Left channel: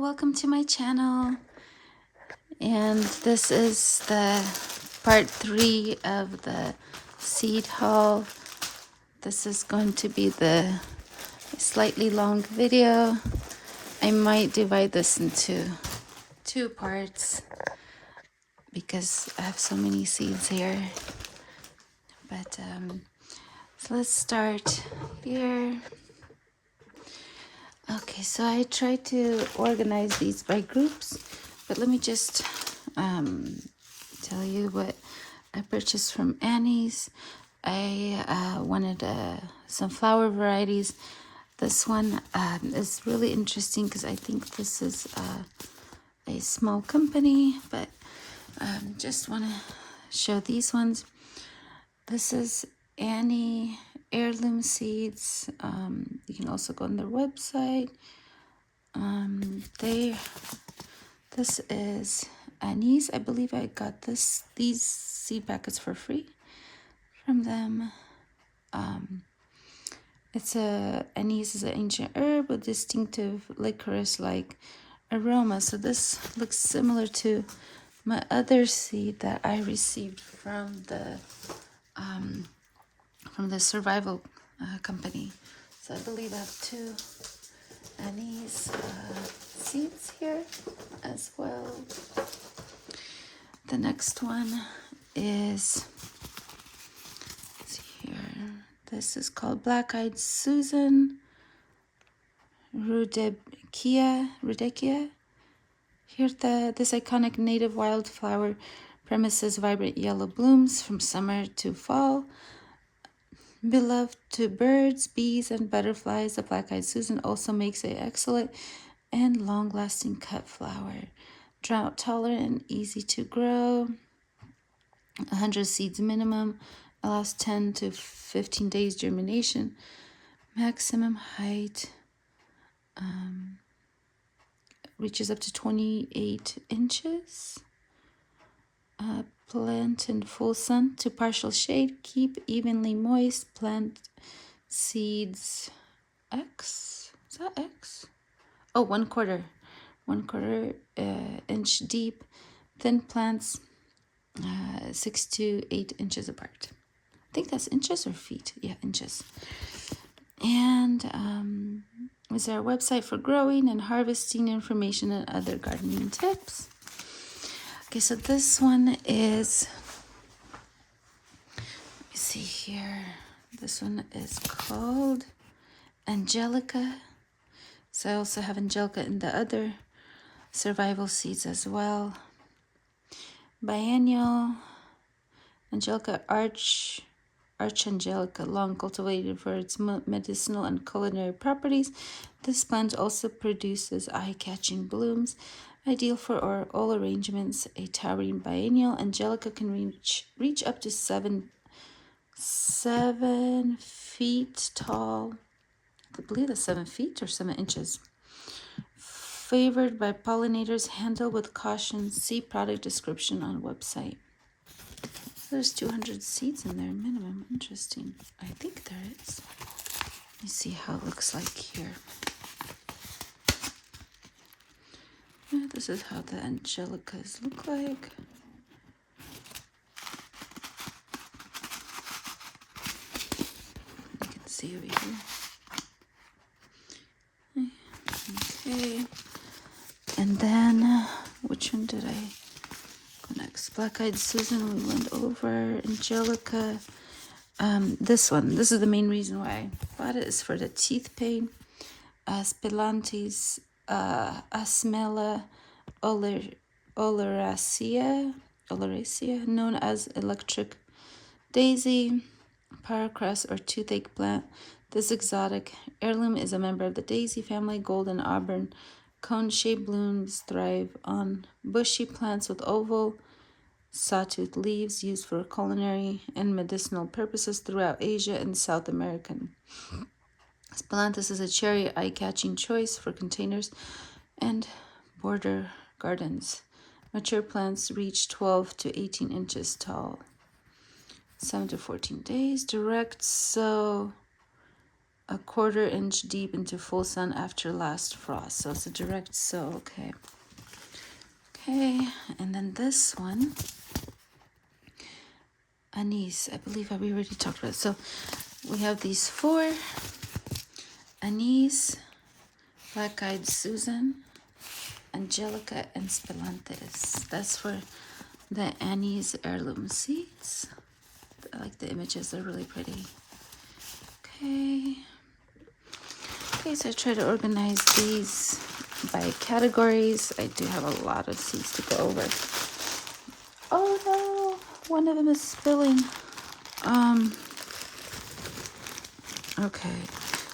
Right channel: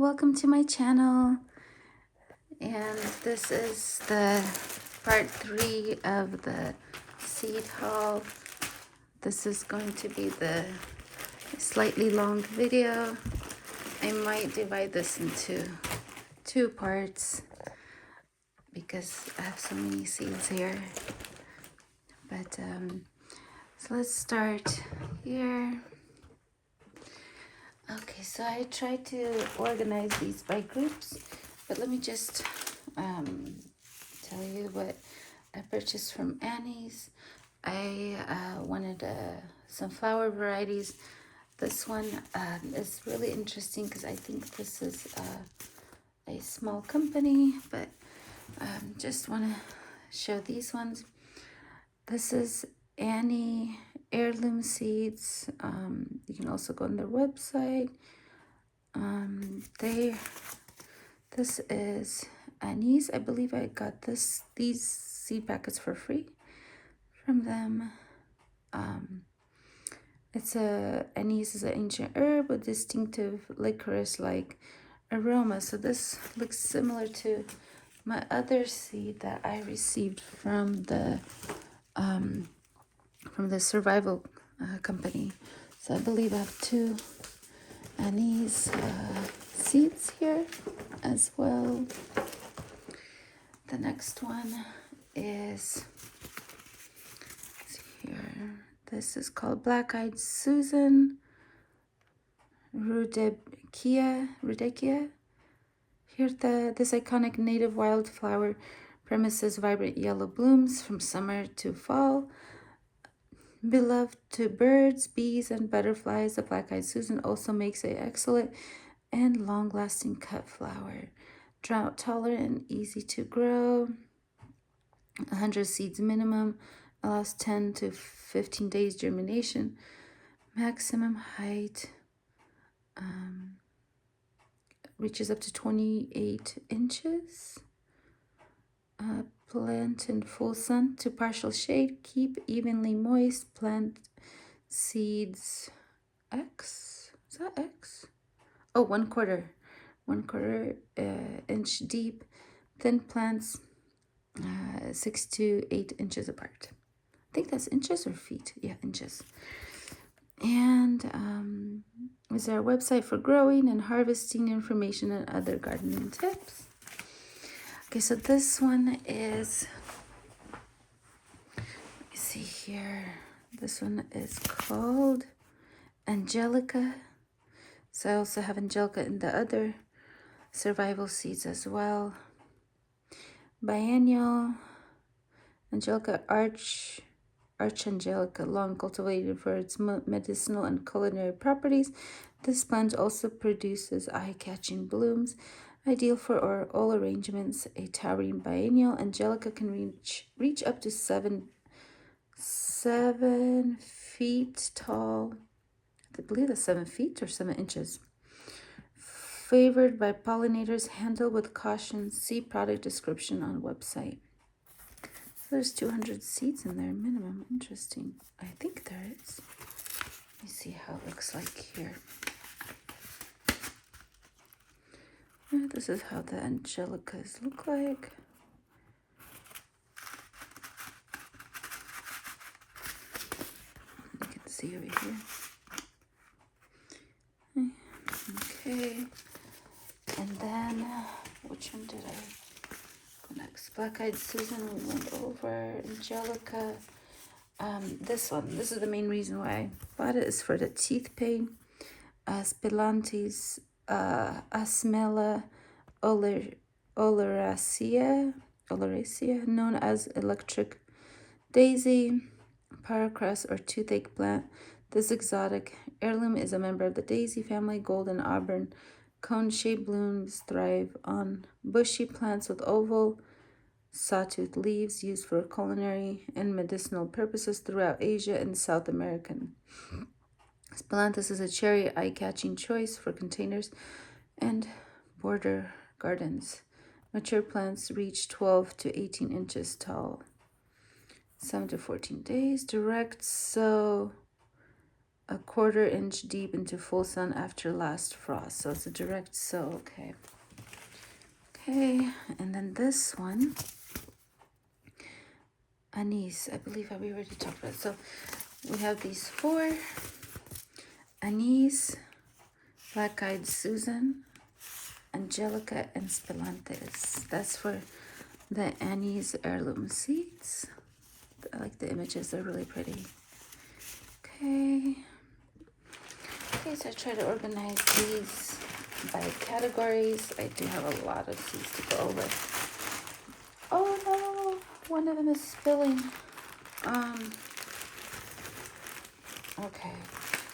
welcome to my channel, and this is the part 3 of the seed haul. This is going to be the slightly long video. I might divide this into 2 parts because I have so many seeds here, but so let's start here. Okay, so I tried to organize these by groups, but let me just tell you what I purchased from Annie's. I wanted some flower varieties. This one is really interesting because I think this is a small company, but just want to show these ones. This is Annie heirloom seeds. You can also go on their website. This is Annie's. I believe I got these seed packets for free from them. Anise is an ancient herb with distinctive licorice-like aroma. So this looks similar to my other seed that I received from the survival company. So I believe I have 2 anise seeds here as well. The next one is here. This is called Black-Eyed Susan Rudbeckia. Here, this iconic native wildflower premises vibrant yellow blooms from summer to fall. Beloved to birds, bees, and butterflies, the Black-Eyed Susan also makes an excellent and long-lasting cut flower. Drought tolerant and easy to grow. 100 seeds minimum. Allows 10 to 15 days germination. Maximum height reaches up to 28 inches. Plant in full sun to partial shade. Keep evenly moist. Plant seeds X. Is that X? Oh, 1/4 inch deep. Thin plants 6 to 8 inches apart. I think that's inches or feet. Yeah, inches. And is there a website for growing and harvesting information and other gardening tips? Okay, so this one is, let's see here. This one is called Angelica. So I also have Angelica in the other survival seeds as well. Biennial Angelica Archangelica, long cultivated for its medicinal and culinary properties. This plant also produces eye-catching blooms, ideal for all arrangements. A towering biennial Angelica can reach up to 7 feet tall. I believe that's 7 feet or 7 inches. Favored by pollinators, handle with caution. See product description on website. There's 200 seeds in there minimum. Interesting. I think there is. Let me see how it looks like here. This is how the Angelicas look like. You can see over here. Okay. And then, which one did I go next? Black-Eyed Susan, we went over. Angelica. This one, this is the main reason why I bought it, is for the teeth pain. Spillantes Asmella oleracea, known as electric daisy, paracrust, or toothache plant. This exotic heirloom is a member of the daisy family. Golden auburn cone-shaped blooms thrive on bushy plants with oval, sawtooth leaves used for culinary and medicinal purposes throughout Asia and South America. Spillantes is a cherry eye-catching choice for containers and border gardens. Mature plants reach 12 to 18 inches tall. 7 to 14 days. Direct sow a 1/4 inch deep into full sun after last frost. So it's a direct sow. Okay. Okay, and then this one, anise. I believe we already talked about it. So we have these 4: anise, black-eyed Susan, Angelica, and Spelanthus. That's for the anise heirloom seeds. I like the images, they're really pretty. Okay. Okay, so I try to organize these by categories. I do have a lot of seeds to go over. Oh no, one of them is spilling. Okay,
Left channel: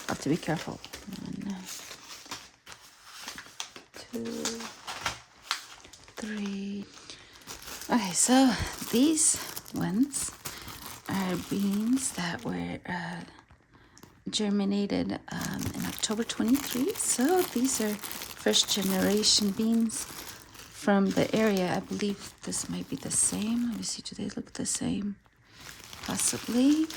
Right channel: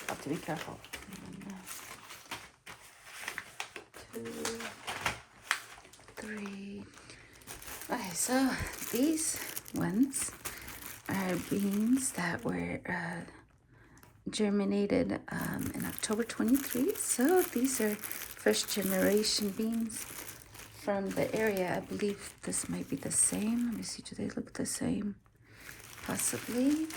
I have to be careful. 1, 2, 3. Okay, so these ones are beans that were germinated in October 23. So these are first generation beans from the area. I believe this might be the same. Let me see, do they look the same? Possibly.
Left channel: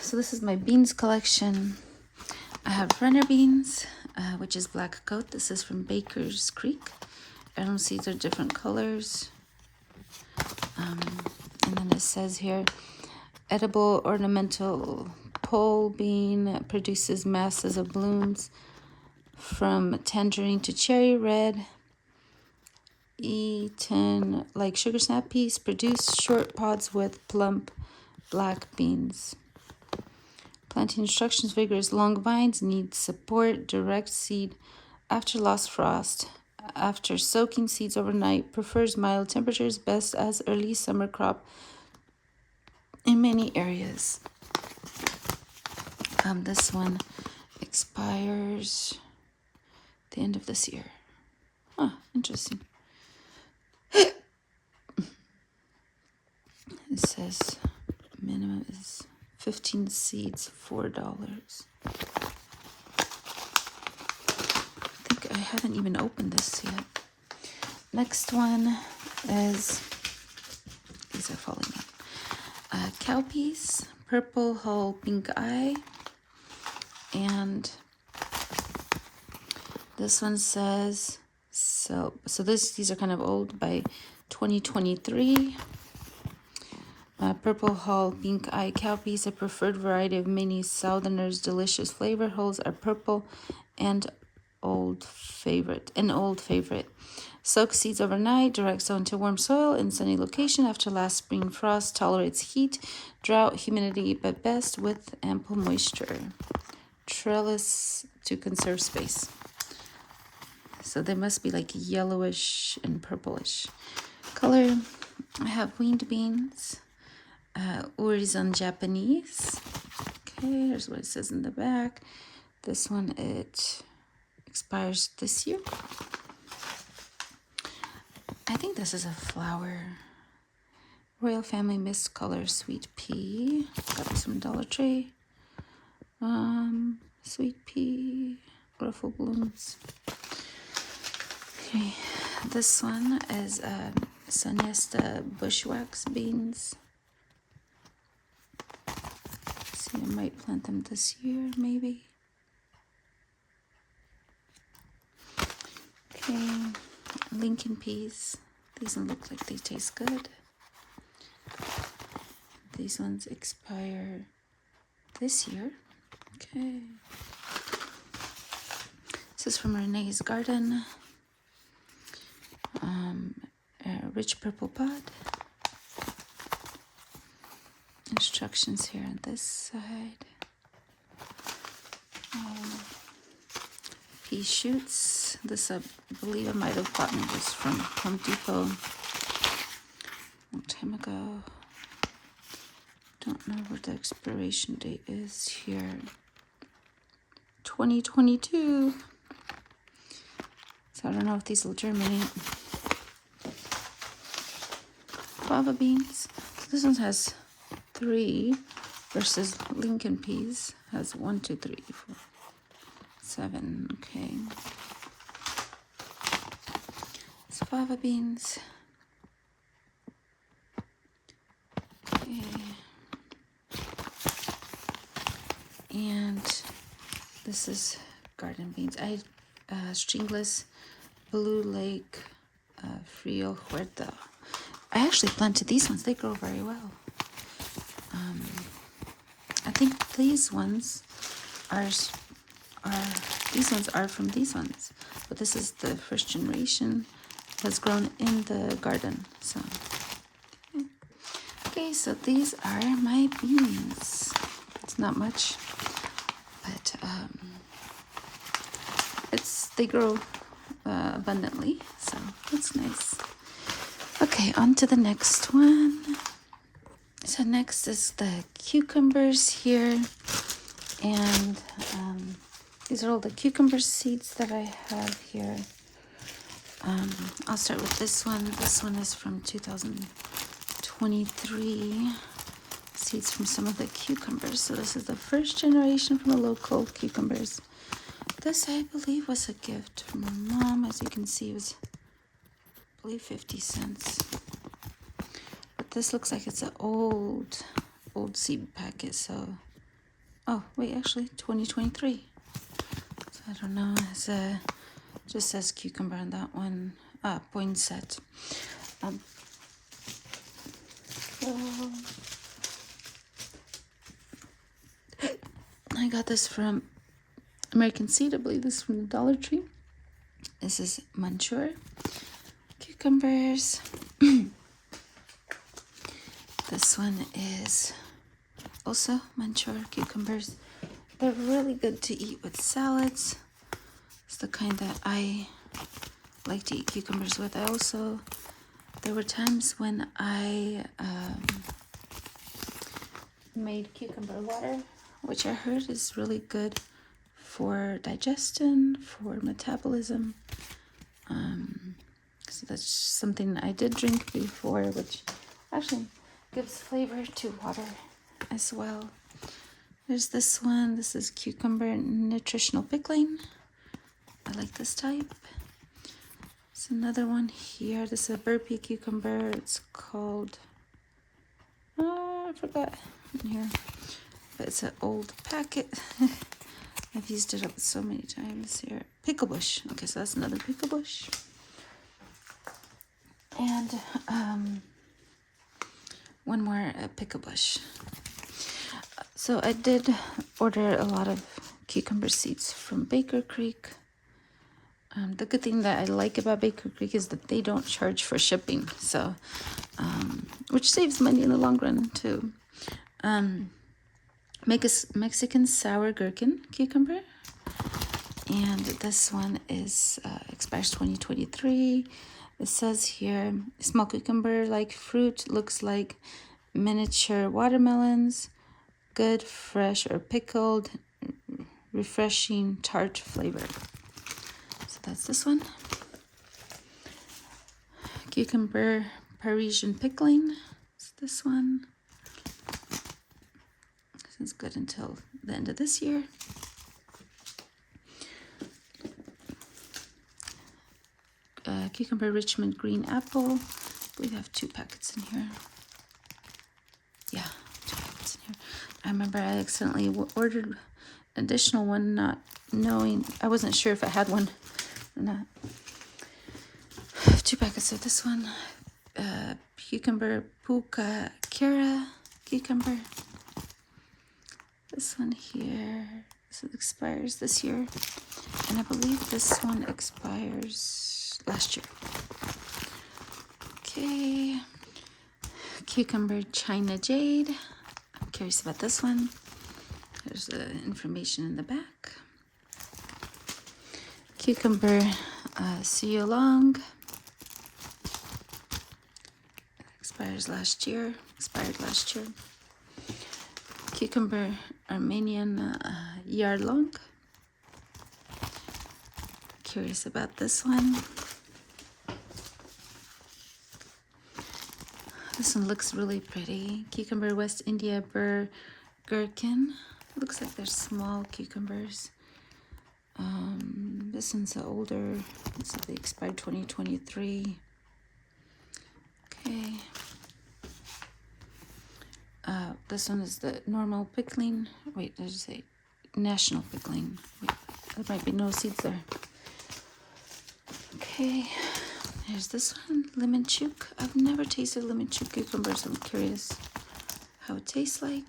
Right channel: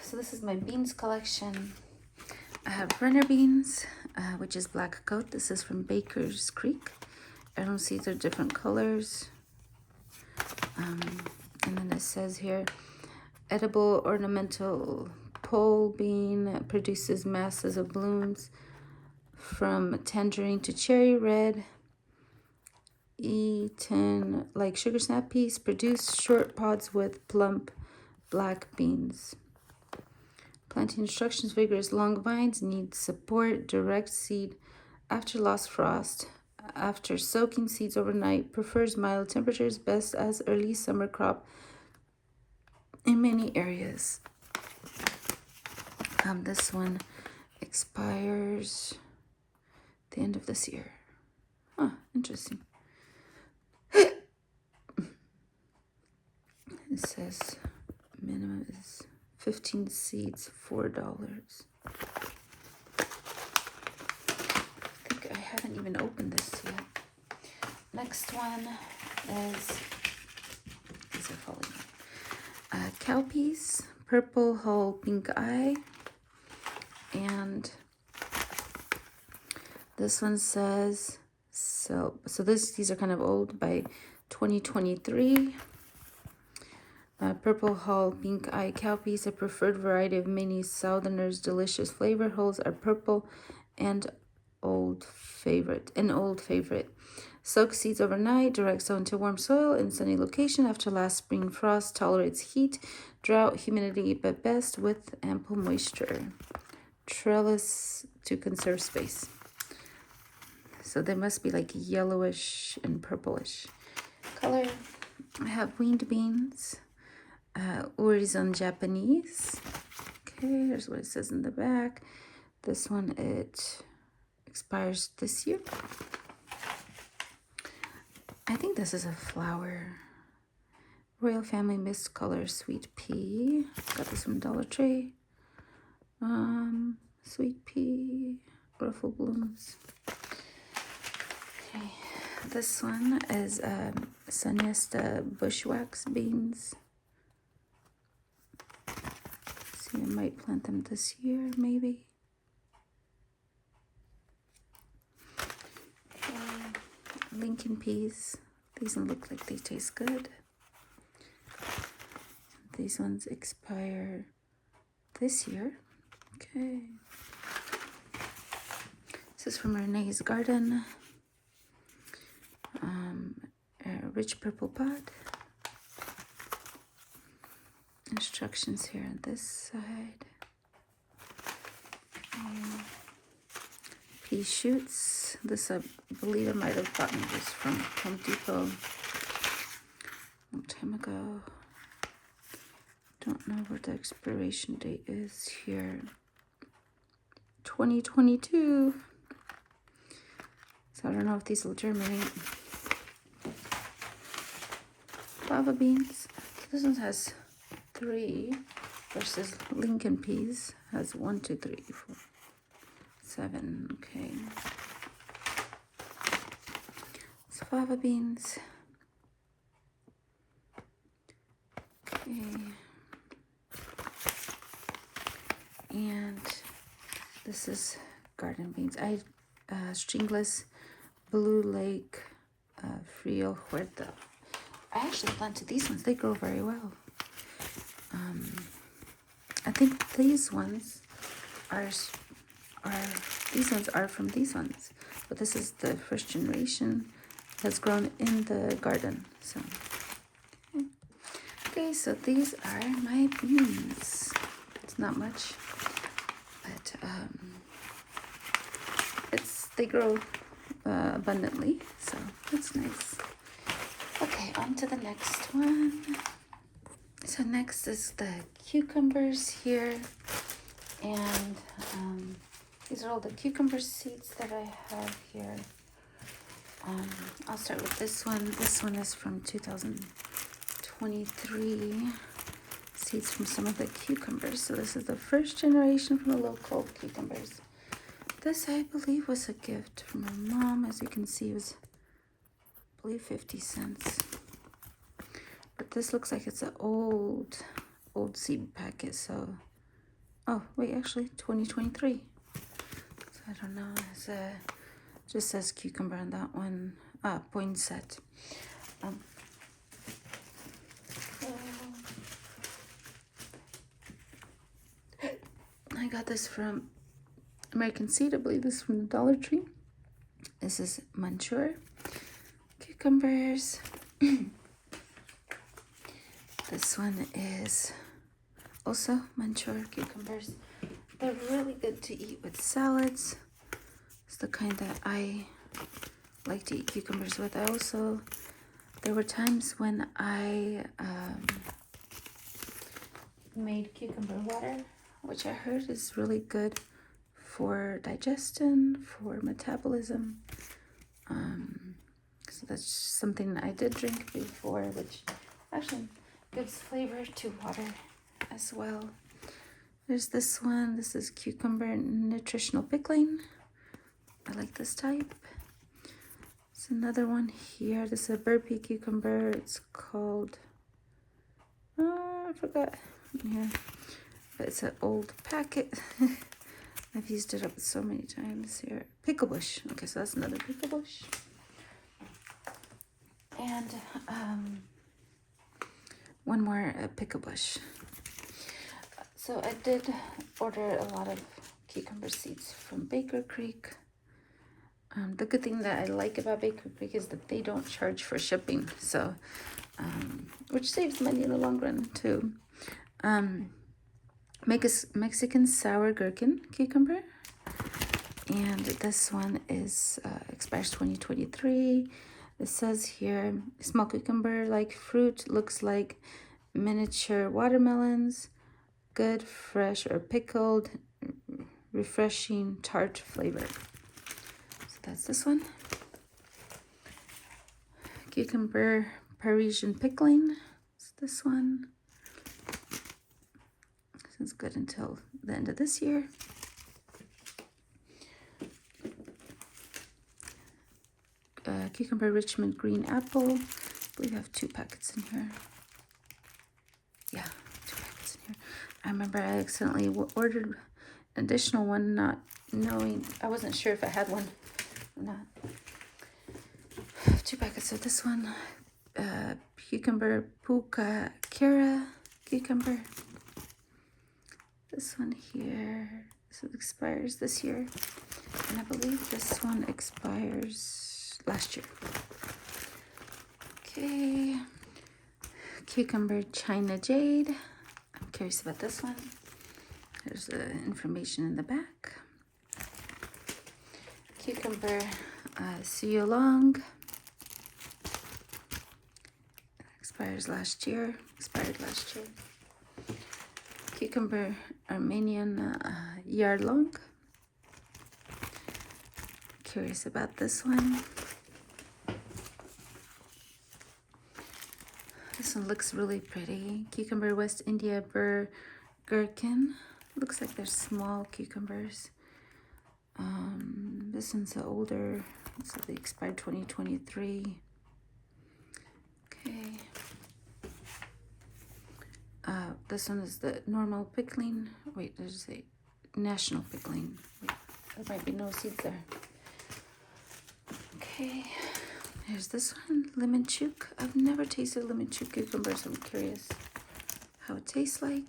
So this is my beans collection. I have runner beans, which is black coat. This is from Baker's Creek. Heirloom seeds are different colors. And then it says here, edible ornamental pole bean produces masses of blooms from tangerine to cherry red. Eaten like sugar snap peas, produce short pods with plump black beans. Planting instructions: vigorous long vines need support. Direct seed after lost frost. After soaking seeds overnight. Prefers mild temperatures. Best as early summer crop in many areas. This one expires the end of this year. Huh, interesting. It says minimum is 15 seeds, $4. I think I haven't even opened this yet. Next one is, these are falling out. Cowpeas, purple hull, pink eye, and this one says, so these are kind of old, by 2023. Purple hull, pink eye cowpeas, a preferred variety of many Southerners' delicious flavor. Hulls are purple and old favorite. Soak seeds overnight. Direct sow into warm soil in sunny location after last spring frost. Tolerates heat, drought, humidity, but best with ample moisture. Trellis to conserve space. So they must be like yellowish and purplish color. I have winged beans. Urizon Japanese. Okay, here's what it says in the back. This one, it expires this year. I think this is a flower. Royal Family Mist Color Sweet Pea. Got this from Dollar Tree. Sweet pea, ruffle blooms. Okay, this one is Sanesta Bushwax beans. See, I might plant them this year, maybe. Okay, Lincoln peas. These don't look like they taste good. These ones expire this year. Okay. This is from Renee's Garden. Rich purple pod. Instructions here on this side. Pea shoots. This, I believe I might have gotten this from Home Depot a long time ago. Don't know what the expiration date is here. 2022. So I don't know if these will germinate. Fava beans. So this one has 3 versus Lincoln peas has 1, 2, 3, 4, 7. Okay. It's fava beans. Okay. And this is garden beans. I stringless blue lake frio huerta. I actually planted these ones. They grow very well. I think these ones are from these ones, but this is the first generation that's grown in the garden. So okay, so these are my beans. It's not much, but they grow abundantly, so that's nice. Okay, on to the next one. So next is the cucumbers here, and these are all the cucumber seeds that I have here. I'll start with this one. This one is from 2023. Seeds from some of the cucumbers. So this is the first generation from the local cucumbers. This, I believe, was a gift from my mom. As you can see, it was, I believe, 50 cents. But this looks like it's an old seed packet. So, oh, wait, actually, 2023. So I don't know. It's just says cucumber on that one. Poinsettia. I got this from American Seed. I believe this is from the Dollar Tree. This is Manchur cucumbers. This one is also Manchur cucumbers. They're really good to eat with salads. It's the kind that I like to eat cucumbers with. There were times when I made cucumber water, which I heard is really good for digestion, for metabolism. So that's something I did drink before, which actually gives flavor to water as well. There's this one. This is cucumber nutritional pickling. I like this type. There's another one here. This is a burpee cucumber. It's called, I forgot. Here. But it's an old packet. I've used it up so many times here. Pickle bush. Okay, so that's another pickle bush. And one more pickle bush. So I did order a lot of cucumber seeds from Baker Creek. The good thing that I like about Baker Creek is that they don't charge for shipping, so which saves money in the long run too. Make a Mexican sour gherkin cucumber, and this one is expires 2023. It says here, small cucumber like fruit, looks like miniature watermelons, good fresh or pickled, refreshing tart flavor. So that's this one. Cucumber Parisian pickling. It's this one. This is good until the end of this year. Cucumber Richmond green apple. I believe I have 2 packets in here. Yeah, 2 packets in here. I remember I accidentally ordered an additional one, not knowing, I wasn't sure if I had one or not. 2 packets of this one. Cucumber Puka Kira cucumber. This one here, this expires this year. And I believe this one expires last year. Okay. Cucumber China Jade. I'm curious about this one. There's the information in the back. Cucumber Siolong. Expired last year. Cucumber Armenian Yarlong. Curious about this one. This one looks really pretty. Cucumber West India Burr Gherkin. Looks like they're small cucumbers. This one's older. This is expired 2023. Okay. This one is the normal pickling. Wait, does it say national pickling. Wait, there might be no seeds there. Okay, there's this one, lemon chook. I've never tasted lemon chook cucumbers. I'm curious how it tastes like.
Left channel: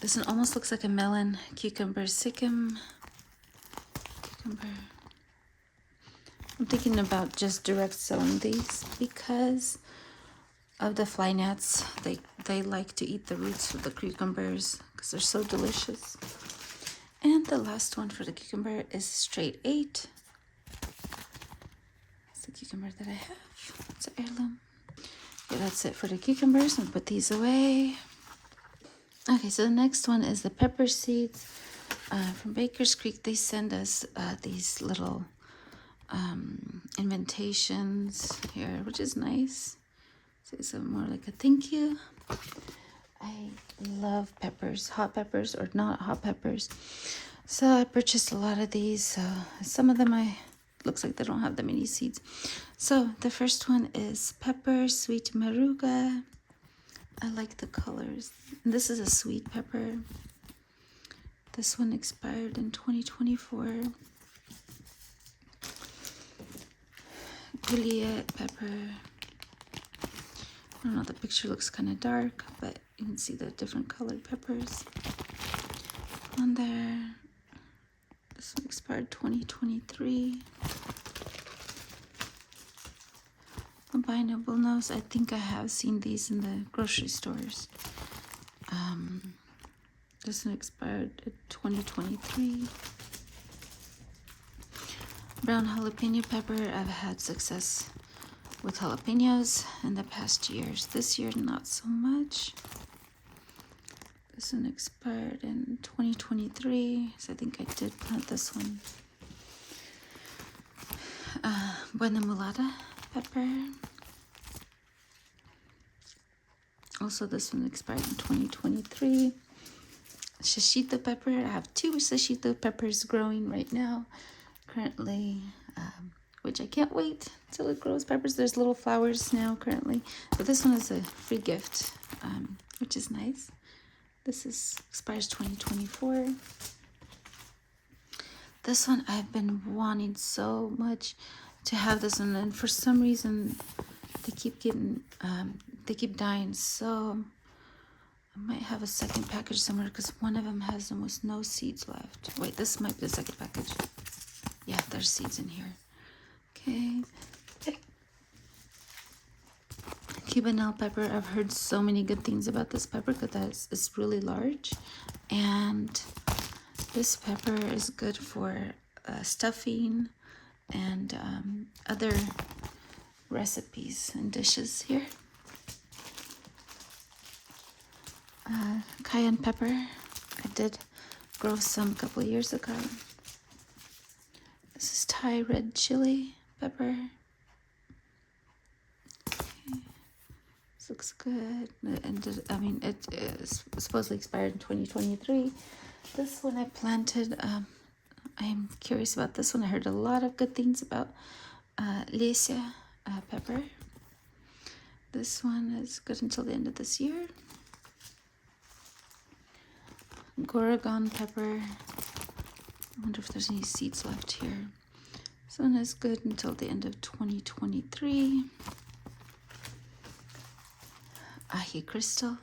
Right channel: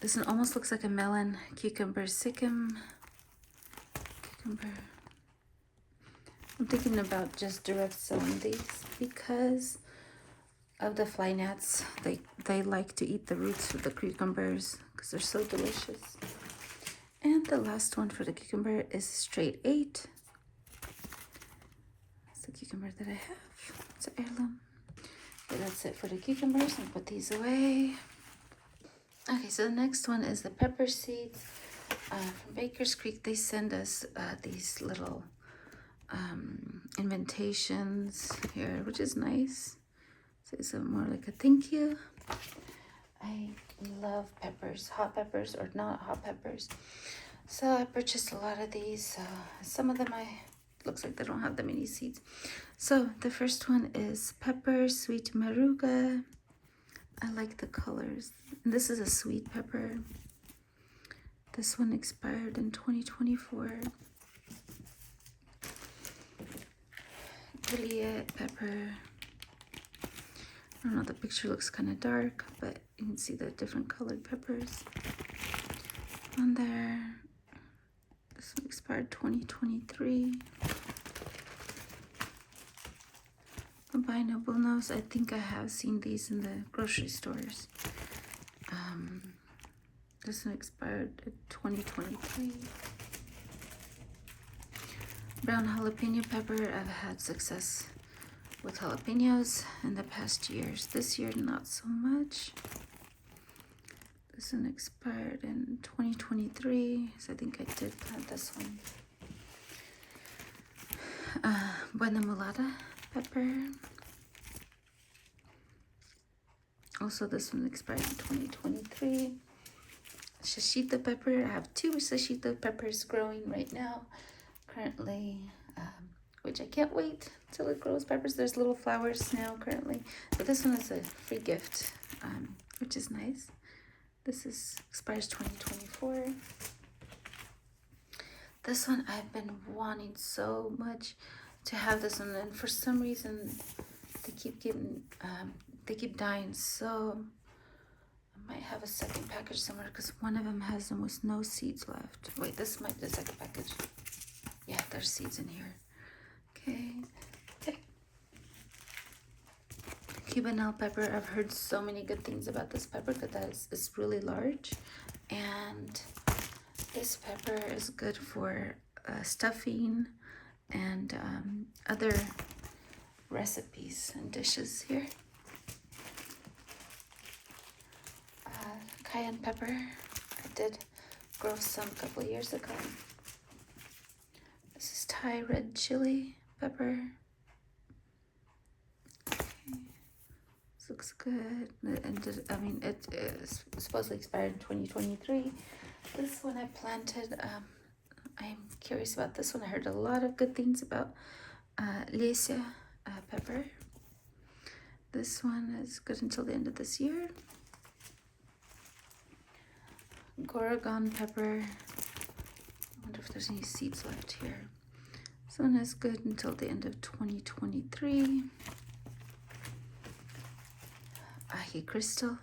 This one almost looks like a melon cucumber sikkim cucumber. I'm thinking about just direct selling these because of the fly gnats. They like to eat the roots of the cucumbers because they're so delicious. And the last one for the cucumber is straight 8. It's the cucumber that I have. It's an heirloom. Okay, that's it for the cucumbers. And put these away. Okay, so the next one is the pepper seeds. From Baker's Creek, they send us these little invitations here, which is nice. Say something more like a thank you. I love peppers, hot peppers or not hot peppers. So I purchased a lot of these. Some of them looks like they don't have that many seeds. So the first one is pepper, sweet maruga. I like the colors. This is a sweet pepper. This one expired in 2024. Juliet pepper. I don't know, the picture looks kind of dark, but you can see the different colored peppers on there. This one expired 2023. Albino bullnose. I think I have seen these in the grocery stores. This one expired in 2023. Brown jalapeno pepper. I've had success with jalapenos in the past years. This year, not so much. This one expired in 2023, so I think I did plant this one. Buena mulata pepper. Also, this one expired in 2023. Shishito pepper. I have 2 shishito peppers growing right now, currently, which I can't wait till it grows peppers. There's little flowers now currently, but this one is a free gift, which is nice. This expires 2024. This one I've been wanting so much to have this one, and for some reason they keep dying. So I might have a second package somewhere because one of them has almost no seeds left. Wait, this might be the second package. Yeah, there's seeds in here. Okay. Cubanelle pepper. I've heard so many good things about this pepper because it's really large, and this pepper is good for stuffing and other recipes and dishes here. Cayenne pepper. I did grow some a couple years ago. This is Thai red chili pepper. Okay. This looks good. It is supposedly expired in 2023. This one I planted. I'm curious about this one. I heard a lot of good things about Lycia pepper. This one is good until the end of this year. Goragon pepper. I wonder if there's any seeds left here. This one is good until the end of 2023. Ahi crystal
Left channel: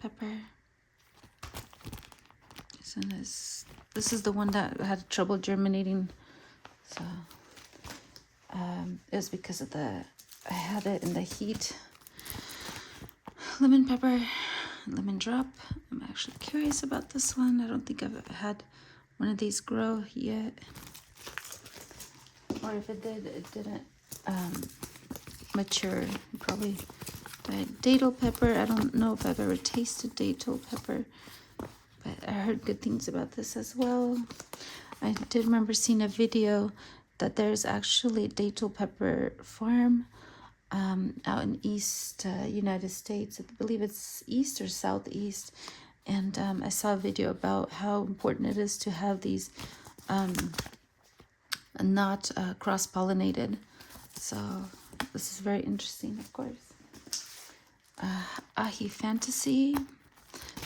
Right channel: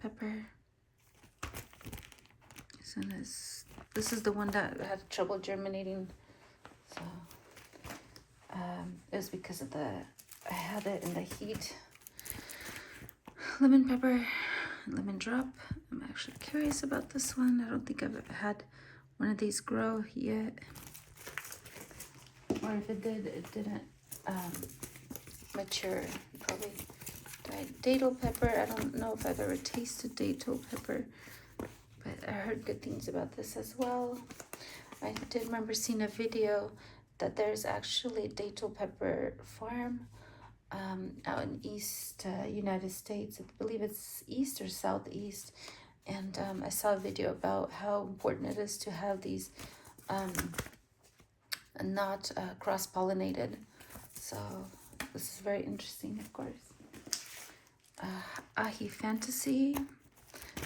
pepper. This is the one that had trouble germinating. So it was because of I had it in the heat. Lemon pepper, lemon drop. I'm actually curious about this one. I don't think I've had one of these grow yet. Or if it did, it didn't mature. Probably datel pepper. I don't know if I've ever tasted datel pepper, but I heard good things about this as well. I did remember seeing a video that there's actually a datel pepper farm out in East United States. I believe it's East or Southeast. And I saw a video about how important it is to have these not cross-pollinated. So this is very interesting, of course. Ahi Fantasy.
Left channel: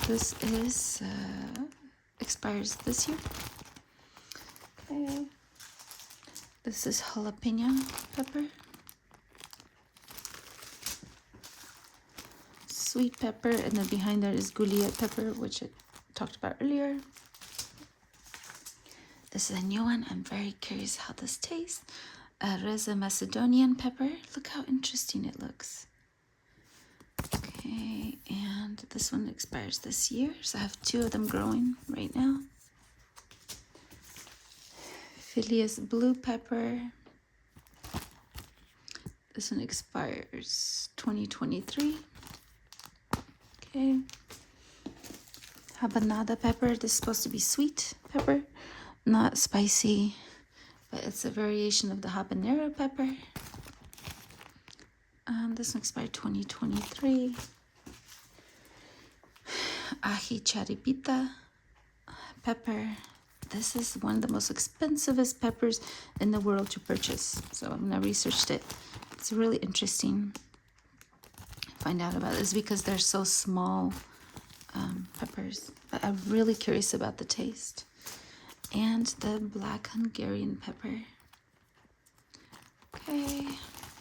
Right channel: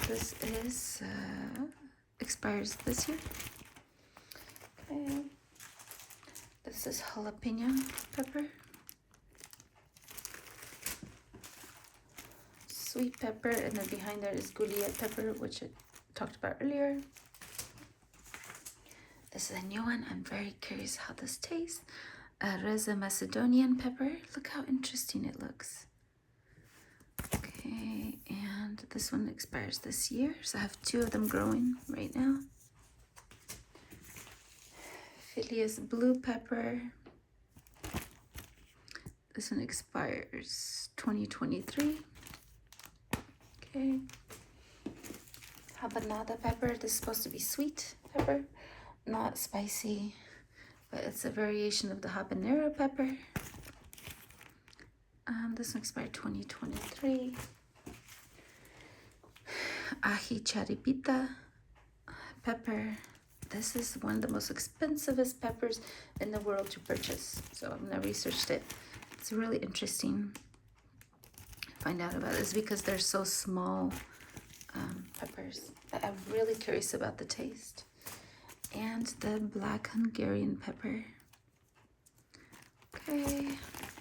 This is expires this year. Okay. This is jalapeno pepper. Sweet pepper, and then behind there is goulier pepper, which I talked about earlier. This is a new one. I'm very curious how this tastes. Reza Macedonian pepper. Look how interesting it looks. Okay, and this one expires this year, so I have 2 of them growing right now. Phileas blue pepper. This one expires 2023. Okay. Habanada pepper. This is supposed to be sweet pepper, not spicy, but it's a variation of the habanero pepper. This one expired 2023. Ají charipita pepper. This is one of the most expensivest peppers in the world to purchase. So I'm gonna research it. It's really interesting. Find out about this because they're so small peppers. I'm really curious about the taste. And the black Hungarian pepper. Okay,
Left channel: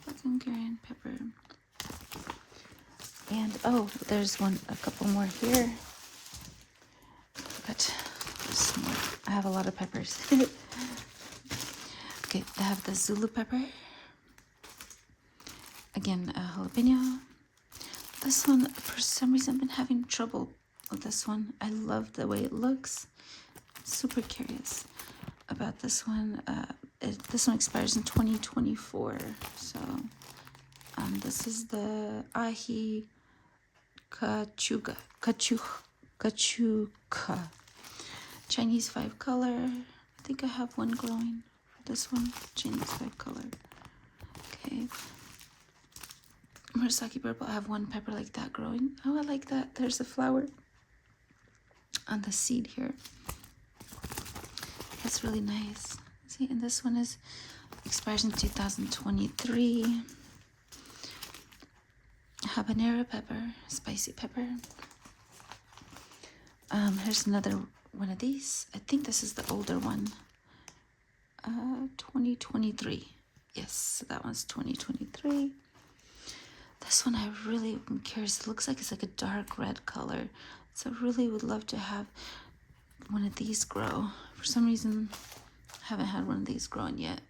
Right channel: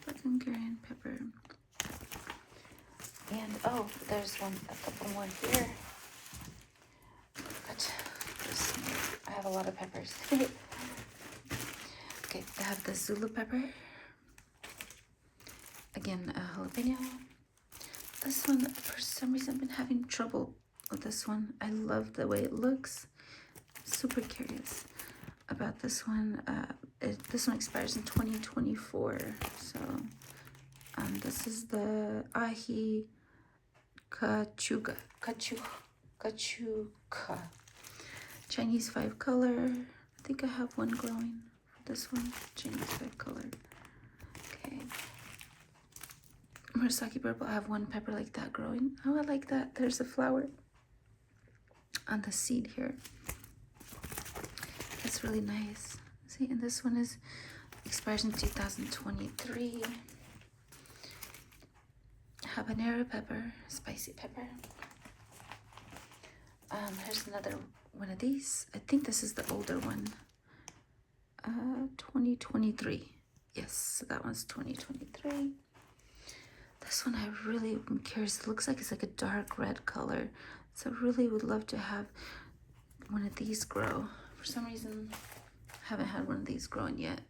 black Hungarian pepper. And oh, there's a couple more here. But I have a lot of peppers. Okay, they have the Zulu pepper. Again, jalapeno. This one, for some reason, I've been having trouble with this one. I love the way it looks. Super curious about this one. This one expires in 2024. So this is the ají kachuka. Chinese 5 color. I think I have one growing for this one. Chinese 5 color. Okay. Murasaki purple. I have one pepper like that growing. Oh, I like that. There's a flower on the seed here. That's really nice. See, and this one expires in 2023. Habanero pepper, spicy pepper. Here's another one of these. I think this is the older one. 2023. Yes, that one's 2023. This one I really am curious. It looks like it's like a dark red color. So I really would love to have one of these grow. For some reason, I haven't had one of these growing yet.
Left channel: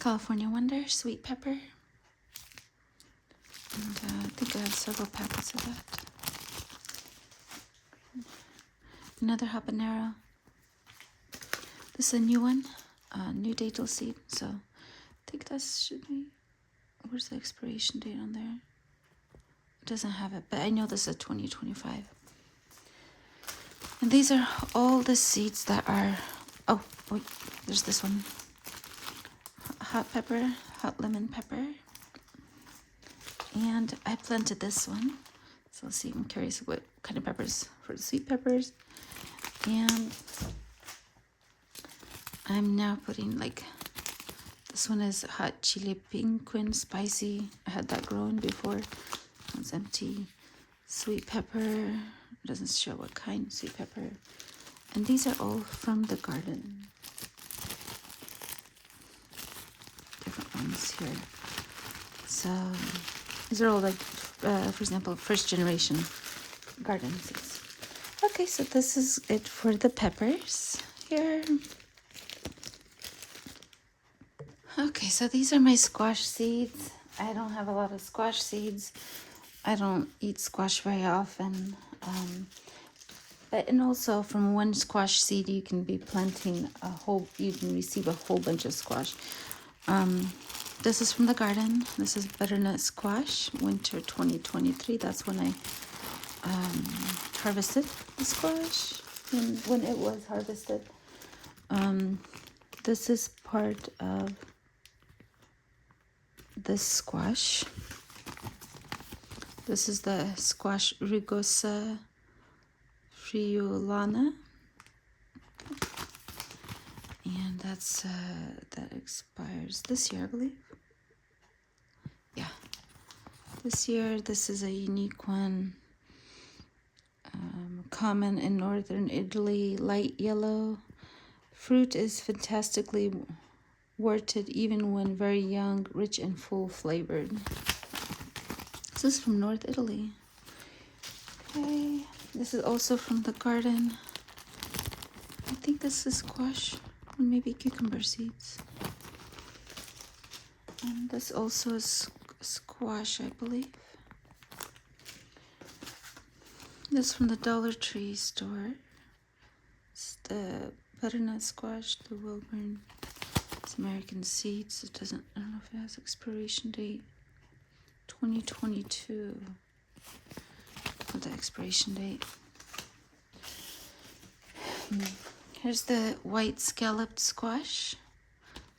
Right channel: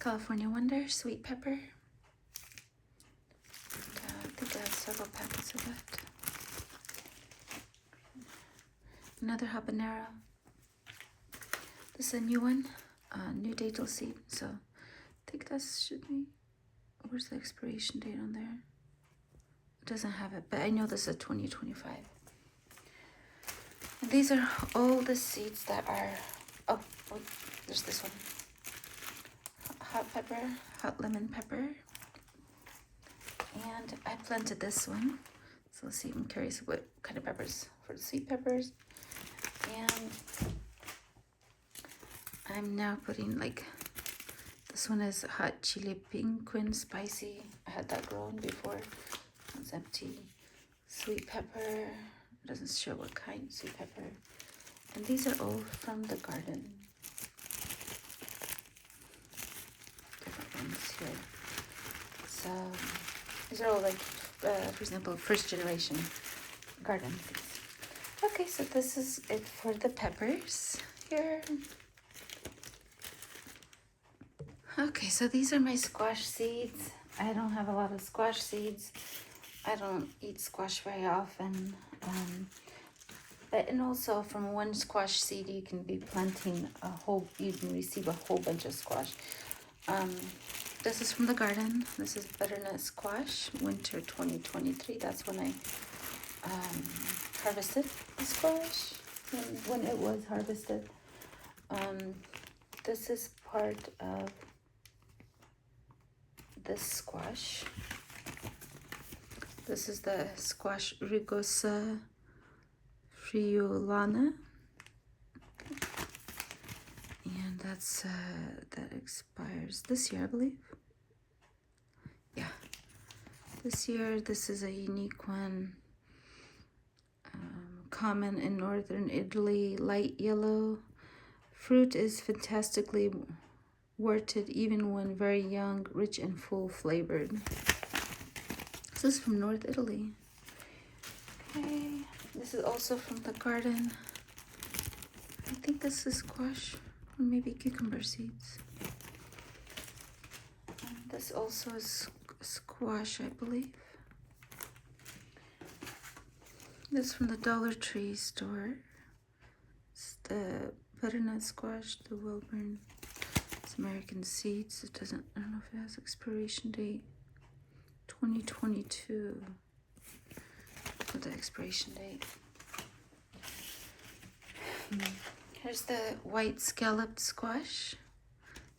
California Wonder, sweet pepper. And I think I have several packets of that. Another habanero. This is a new one, new datel seed. So I think that should be, where's the expiration date on there? It doesn't have it, but I know this is 2025. And these are all the seeds that are, oh, wait, there's this one. Hot pepper, hot lemon pepper. And I planted this one. So let's see, I'm curious what kind of peppers for the sweet peppers. And I'm now putting like, this one is hot chili pinquin spicy. I had that growing before. It's empty. Sweet pepper. It doesn't show what kind of sweet pepper. And these are all from the garden. Different ones here. So these are all like, for example, first generation garden seeds. Okay, so this is it for the peppers here. Okay, so these are my squash seeds. I don't have a lot of squash seeds. I don't eat squash very often. And also from one squash seed, you can be planting you can receive a whole bunch of squash. This is from the garden. This is butternut squash, winter 2023. That's when I harvested the squash, when it was harvested. This is part of this squash. This is the squash rugosa friulana, and that's that expires this year, I believe. Yeah, this year. This is a unique one. Common in northern Italy, light yellow. Fruit is fantastically warted even when very young, rich and full flavored. This is from North Italy. Okay, this is also from the garden. I think this is squash or maybe cucumber seeds. And this also is squash, I believe. This is from the Dollar Tree store. It's the butternut squash, the Wilburn. It's American seeds. It doesn't, I don't know if it has expiration date. 2022 for the expiration date. Here's the white scalloped squash.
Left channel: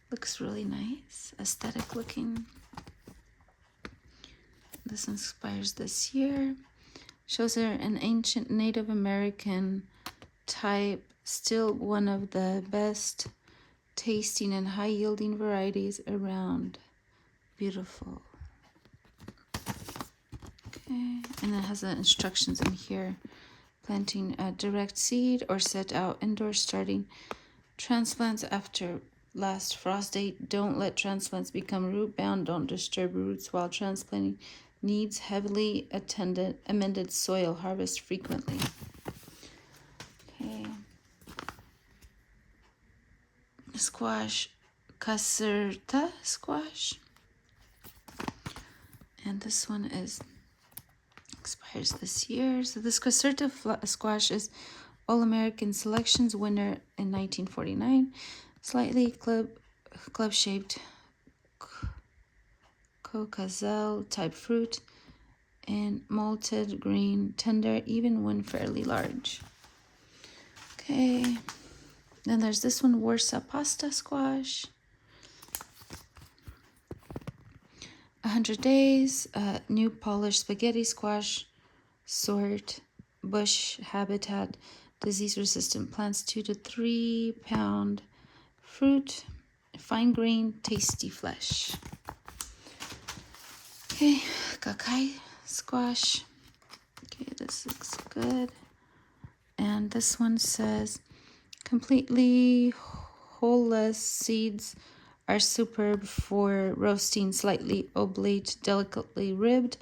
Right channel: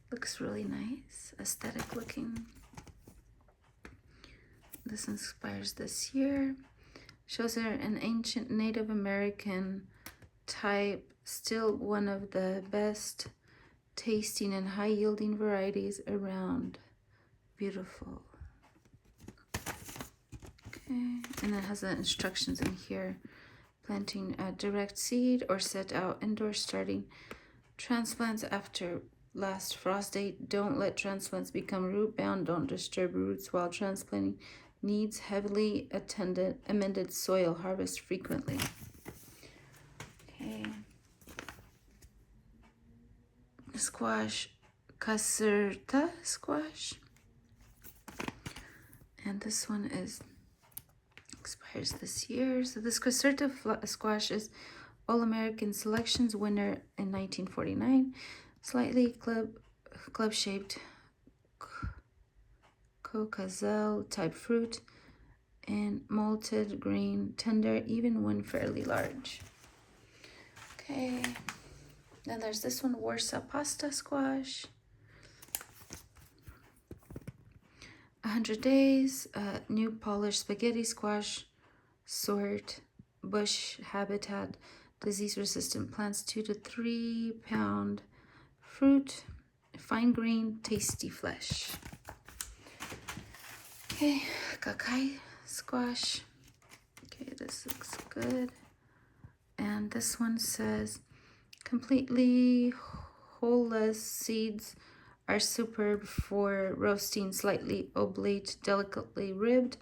Looks really nice, aesthetic looking. This inspires this year. Shows are an ancient Native American type, still one of the best tasting and high yielding varieties around. Beautiful. Okay, and it has the instructions in here. Planting a direct seed or set out indoor, starting transplants after last frost date. Don't let transplants become root bound. Don't disturb roots while transplanting. Needs heavily amended soil. Harvest frequently. Okay. Squash, caserta squash. And this one expires this year. So this caserta squash is All-American Selections winner in 1949. Slightly club-shaped cocazelle type fruit and malted green, tender even when fairly large. Okay, then there's this one, Warsaw pasta squash. 100 days, new polished spaghetti squash sort, bush habitat, disease-resistant plants, 2 to 3 pound fruit, fine grain, tasty flesh. Okay, kakai squash. Okay, this looks good. And this one says, completely wholeless seeds are superb for roasting, slightly oblate, delicately ribbed,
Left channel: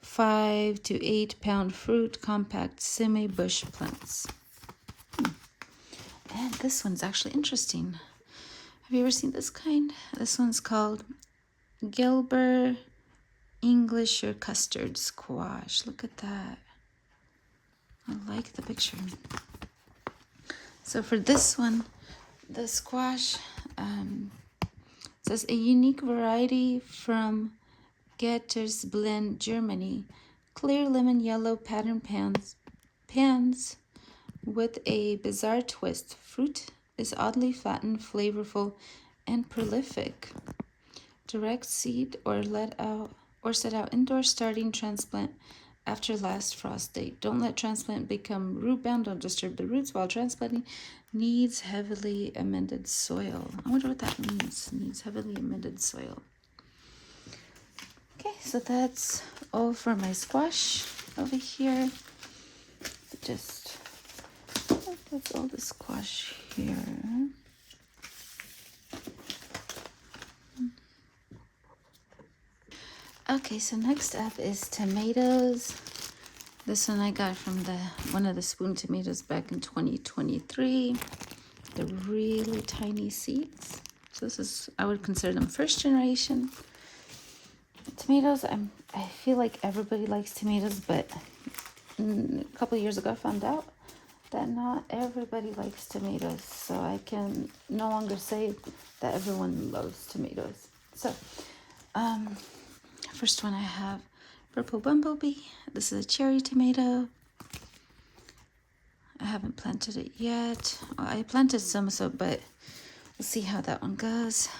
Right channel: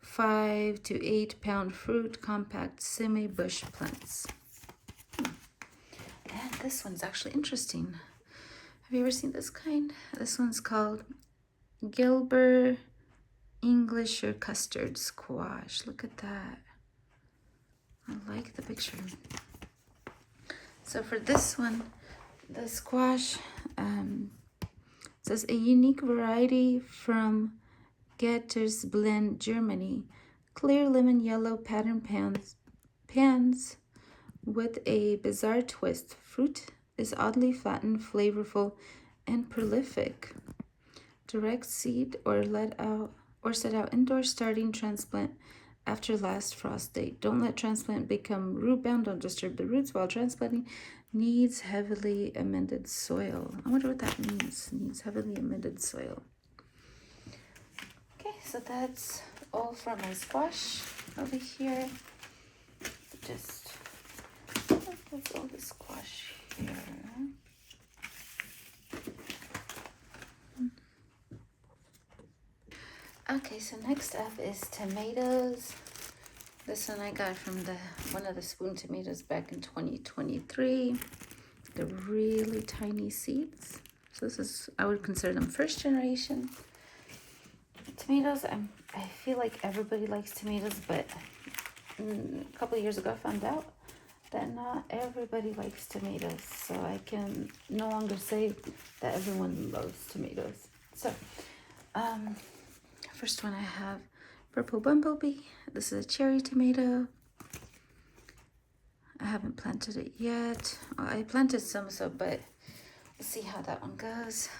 5 to 8 pound fruit, compact semi-bush plants. And this one's actually interesting. Have you ever seen this kind? This one's called Gilbert English or custard squash. Look at that. I like the picture. So for this one, the squash says a unique variety from Gettersblend, Germany. Clear lemon yellow pattern pans with a bizarre twist. Fruit is oddly flattened, flavorful, and prolific. Direct seed or set out indoor, starting transplant after last frost date. Don't let transplant become root bound. Don't disturb the roots while transplanting. Needs heavily amended soil. I wonder what that means. Needs heavily amended soil. Okay, so that's all for my squash over here. That's all the squash here. Okay, so next up is tomatoes. This one I got from one of the spoon tomatoes back in 2023. They're really tiny seeds. So this is, I would consider them first generation. Tomatoes, I feel like everybody likes tomatoes, but a couple years ago I found out that not everybody likes tomatoes. So I can no longer say that everyone loves tomatoes. So, first one I have Purple Bumblebee. This is a cherry tomato. I haven't planted it yet. I planted some, but we'll see how that one goes.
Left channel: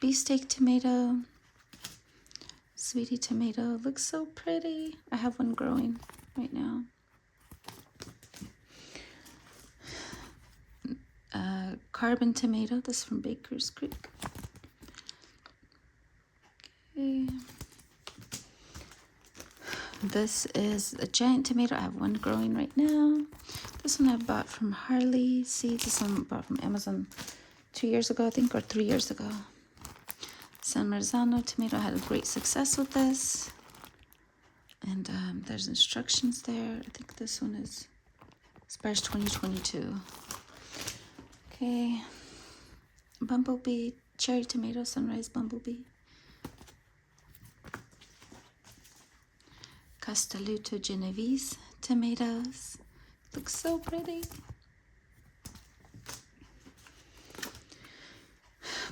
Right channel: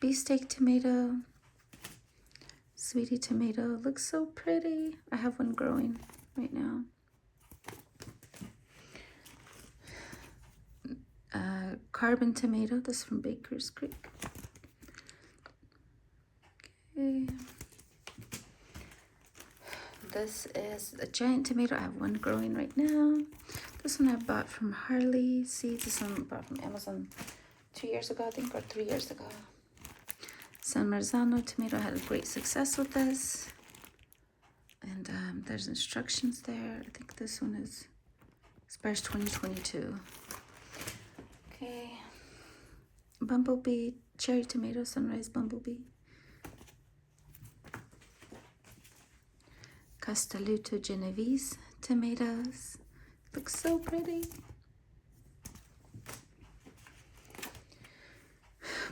Beefsteak tomato. Sweetie tomato. Looks so pretty. I have one growing right now. Carbon tomato. This is from Baker's Creek. Okay. This is a giant tomato. I have one growing right now. This one I bought from Harley Seeds. This one I bought from Amazon 2 years ago, I think, or 3 years ago. San Marzano tomato. I had a great success with this. And there's instructions there. I think this one is Spires 2022. Okay. Bumblebee, cherry tomato, sunrise bumblebee. Castelluto Genovese tomatoes. Looks so pretty.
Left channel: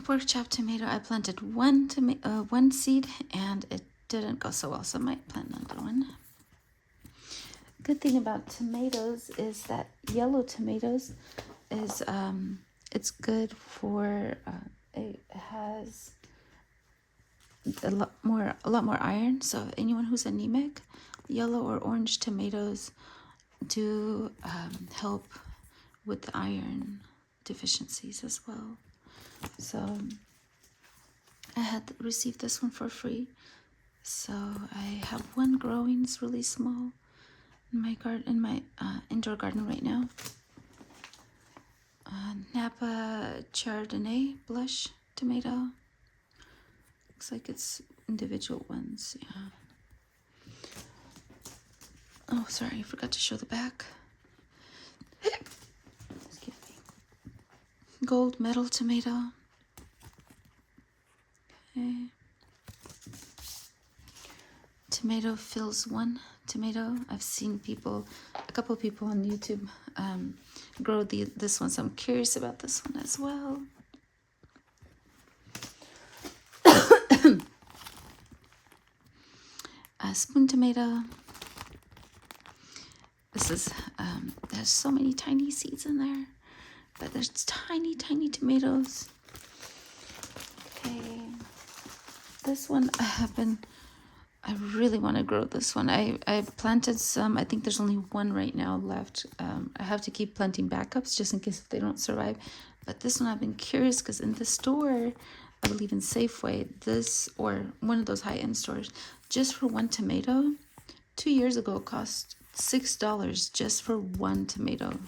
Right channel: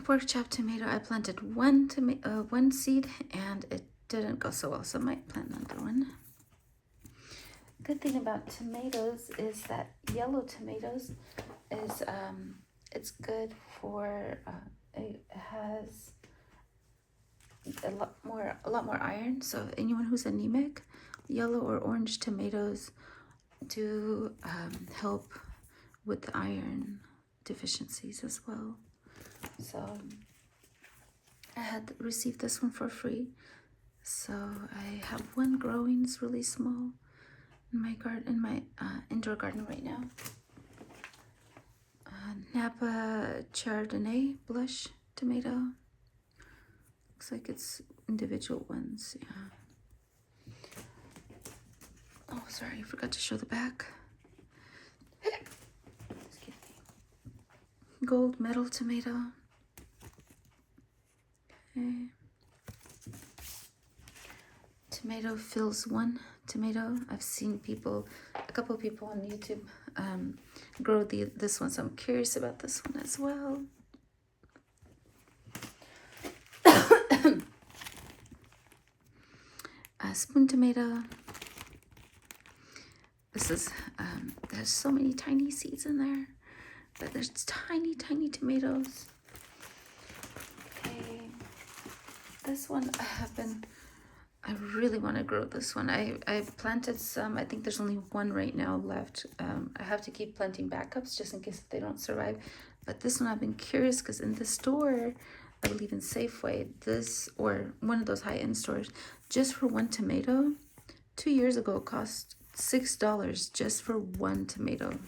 Pork chop tomato. I planted one seed and it didn't go so well, so I might plant another one. Good thing about tomatoes is that yellow tomatoes is it's good for it has a lot more iron. So anyone who's anemic, yellow or orange tomatoes do help with the iron deficiencies as well. So I had received this one for free. So I have one growing. It's really small in my garden, in my indoor garden right now. Napa Chardonnay blush tomato. Looks like it's individual ones, yeah. Oh, sorry, I forgot to show the back. Excuse me. Gold medal tomato. Okay. Tomato fills one tomato. I've seen a couple of people on YouTube grow this one, so I'm curious about this one as well. Spoon tomato. This is there's so many tiny seeds in there, but there's tiny tomatoes. Okay, this one I really want to grow this one. I planted some. I think there's only one right now left. I have to keep planting backups just in case they don't survive. But this one I've been curious because in the store, I believe in Safeway, this or one of those high-end stores, just for one tomato, 2 years ago it cost $6 just for one tomato.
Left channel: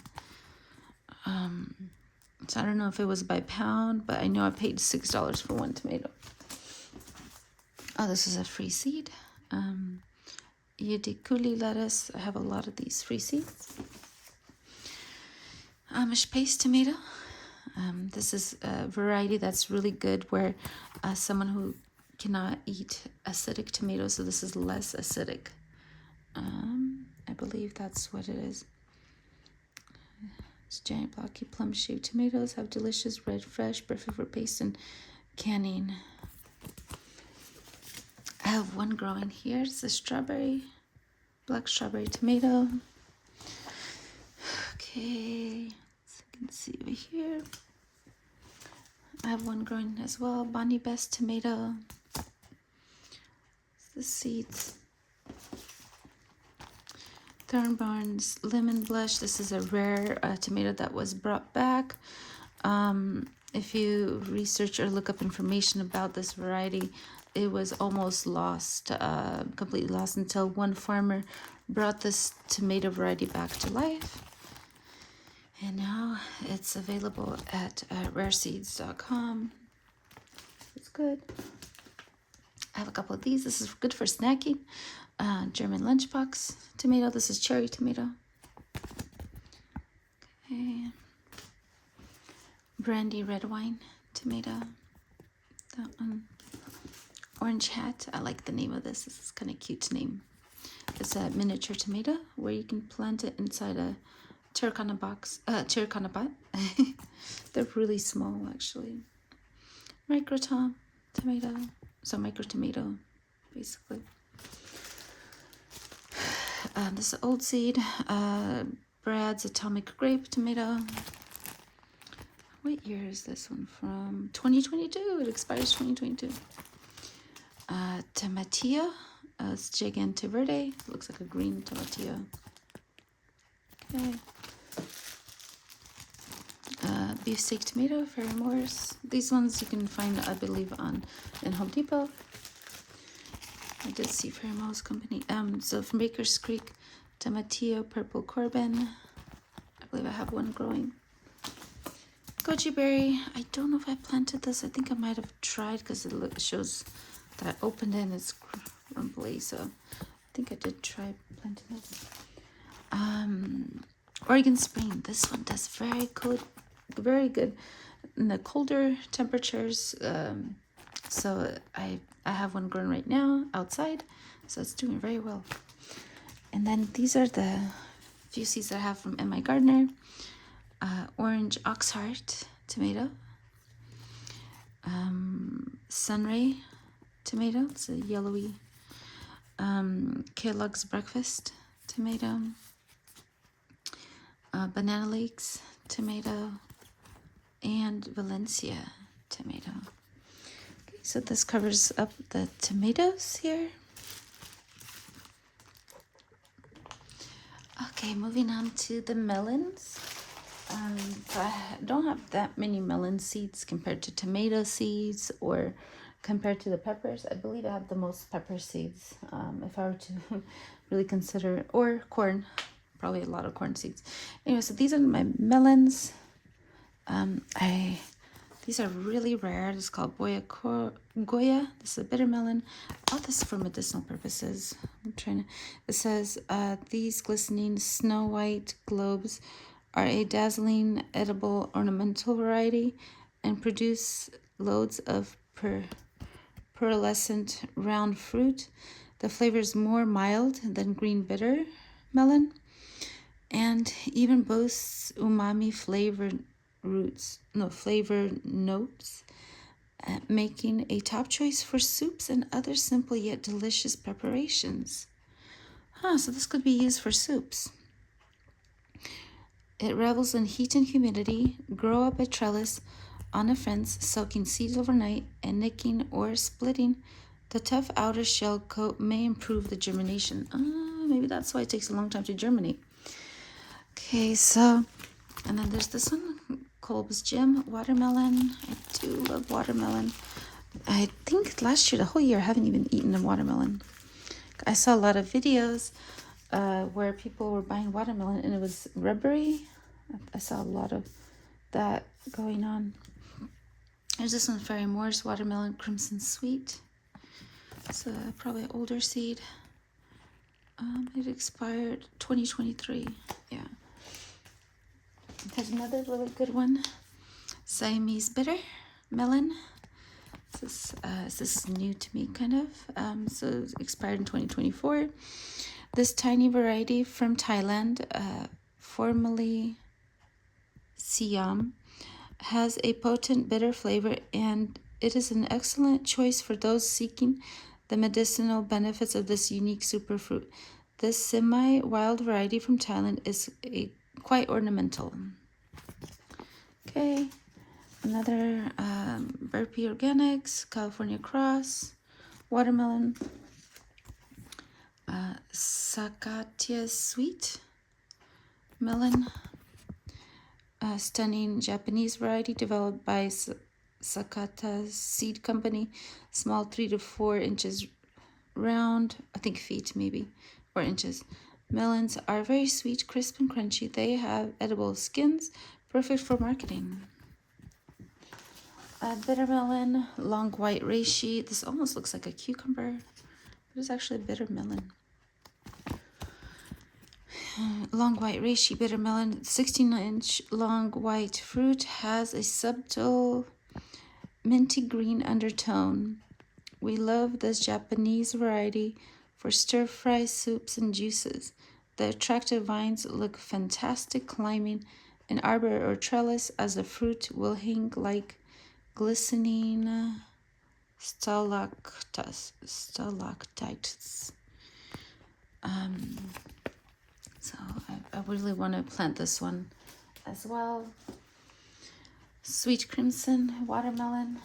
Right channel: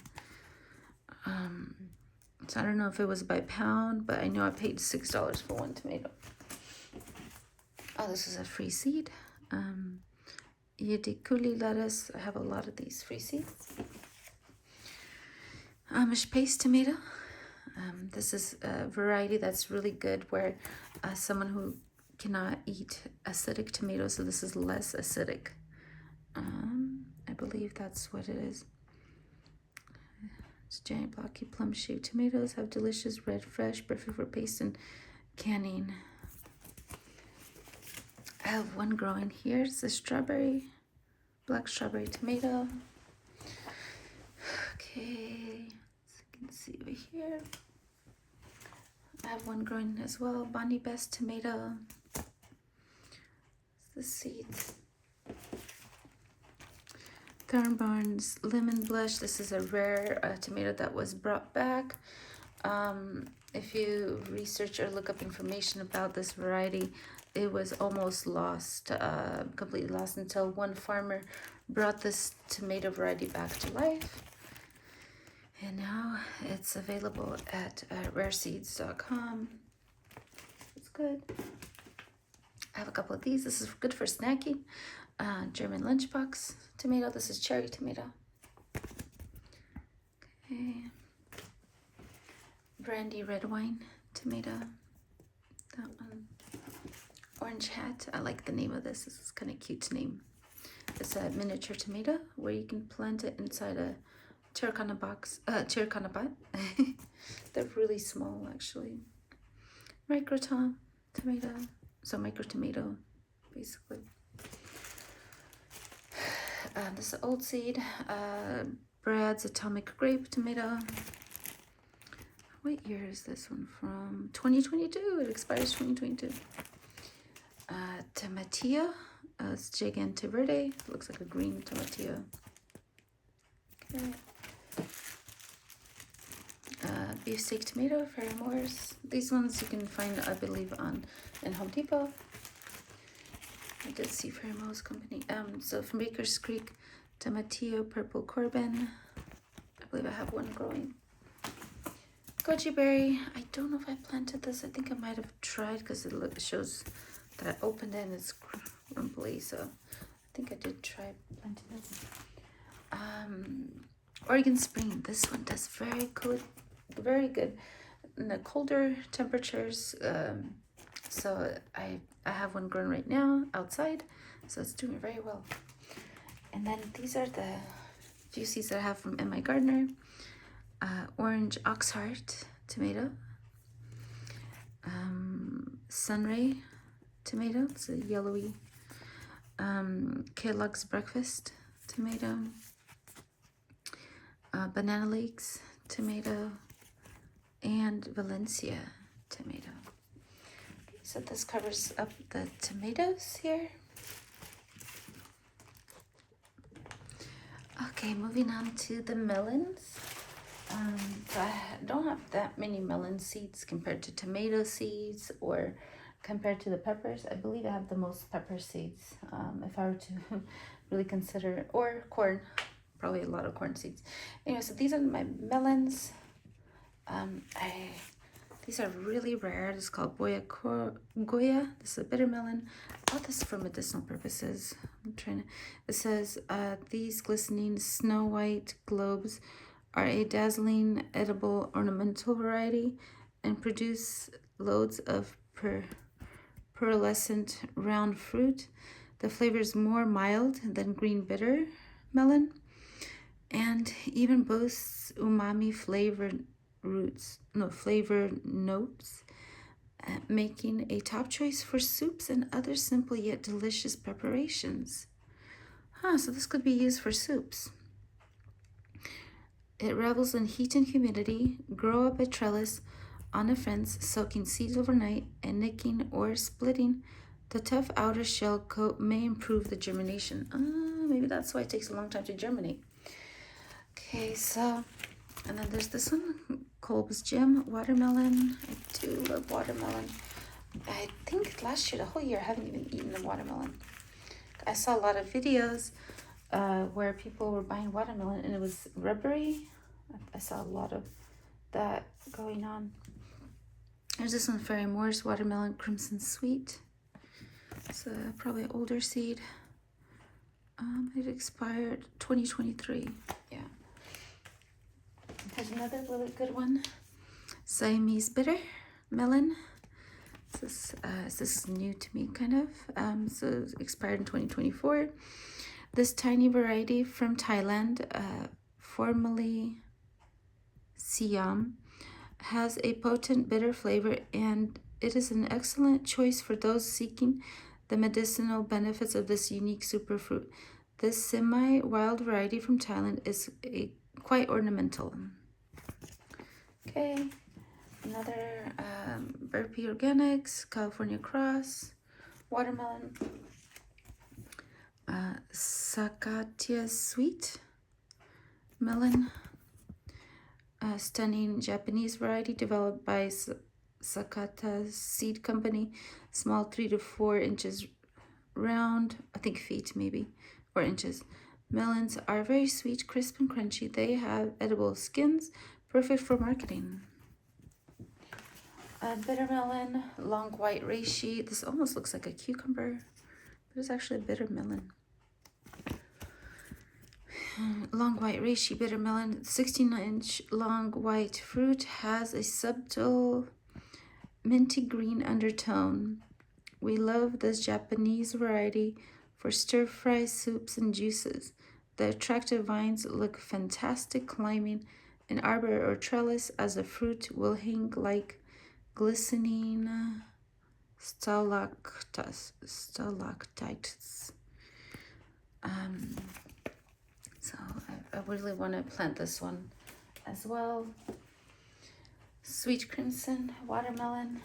So I don't know if it was by pound, but I know I paid $6 for one tomato. Oh, this is a free seed. Yedikuli lettuce. I have a lot of these free seeds. Amish paste tomato. This is a variety that's really good where someone who cannot eat acidic tomatoes, so this is less acidic. I believe that's what it is. It's giant blocky plum shaped tomatoes have delicious red fresh, perfect for paste and canning. I have one growing here. It's a strawberry, black strawberry tomato. Okay, so you can see over here. I have one growing as well. Bonnie Best tomato. The seeds. Thornbarns lemon blush. This is a rare tomato that was brought back. If you research or look up information about this variety, it was almost lost, completely lost, until one farmer brought this tomato variety back to life. And now it's available at rareseeds.com. It's good. I have a couple of these. This is good for snacking. German lunchbox tomato. This is cherry tomato. Okay. Brandy red wine tomato. That one. Orange hat. I like the name of this. This is kind of cute name. It's a miniature tomato where you can plant it inside a terracotta box. Terracotta pot. They're really small actually. Micro tomato. So micro tomato, basically. This is old seed. Brad's Atomic Grape tomato. What year is this one from? 2022. It expires 2022. Tomatillo. It's Gigante Verde. Looks like a green tomatillo. Okay. Beefsteak tomato, Fairy Morris. These ones you can find, I believe, in Home Depot. I did see Fairy Mouse Company. So from Baker's Creek, Tomatillo, Purple Corbin. I believe I have one growing. Goji berry. I don't know if I planted this. I think I might have tried because it shows that I opened it and it's crumbly. So I think I did try planting this. Oregon Spring. This one does very good in the colder temperatures. So I have one growing right now outside, so it's doing very well. And then these are the few seeds that I have from M.I. Gardner. Orange Oxheart tomato, Sunray tomato, it's a yellowy, Kellogg's Breakfast tomato, Banana Leeks tomato, and Valencia tomato. Okay, so this covers up the tomatoes here. Okay, moving on to the melons. So I don't have that many melon seeds compared to tomato seeds or compared to the peppers. I believe I have the most pepper seeds, if I were to really consider, or corn, probably a lot of corn seeds. Anyway, so these are my melons. These are really rare. It's called Goya. This is a bitter melon. All this for medicinal purposes. It says, these glistening snow white globes are a dazzling edible ornamental variety and produce loads of pearlescent round fruit. The flavor is more mild than green bitter melon and even boasts umami flavored notes, making a top choice for soups and other simple yet delicious preparations. So this could be used for soups. It revels in heat and humidity. Grow up a trellis on a fence, soaking seeds overnight and nicking or splitting the tough outer shell coat may improve the germination. Maybe that's why it takes a long time to germinate. Okay, so, and then there's this one, Kolb's Gem watermelon. I do love watermelon. I think last year, the whole year, I haven't even eaten a watermelon. I saw a lot of videos where people were buying watermelon and it was rubbery. I saw a lot of that going on. There's this one, Fairy Moore's Watermelon Crimson Sweet. It's probably an older seed. It expired 2023. Yeah. There's another really good one, Siamese Bitter Melon. This is new to me, kind of. So it expired in 2024. This tiny variety from Thailand, formerly Siam, has a potent bitter flavor, and it is an excellent choice for those seeking the medicinal benefits of this unique superfruit. This semi-wild variety from Thailand is quite ornamental. Okay, another Burpee Organics, California Cross, watermelon, Sakatya Sweet melon, a stunning Japanese variety developed by Sakata Seed Company, small 3 to 4 inches round, I think feet maybe, 4 inches. Melons are very sweet, crisp, and crunchy. They have edible skins, perfect for marketing. Bitter melon, long white reishi. This almost looks like a cucumber, but it's actually a bitter melon. Long white reishi bitter melon, 16-inch long white fruit, has a subtle minty green undertone. We love this Japanese variety for stir-fry soups and juices. The attractive vines look fantastic climbing an arbor or trellis, as the fruit will hang like glistening stalactites. So I really want to plant this one as well. Sweet Crimson watermelon.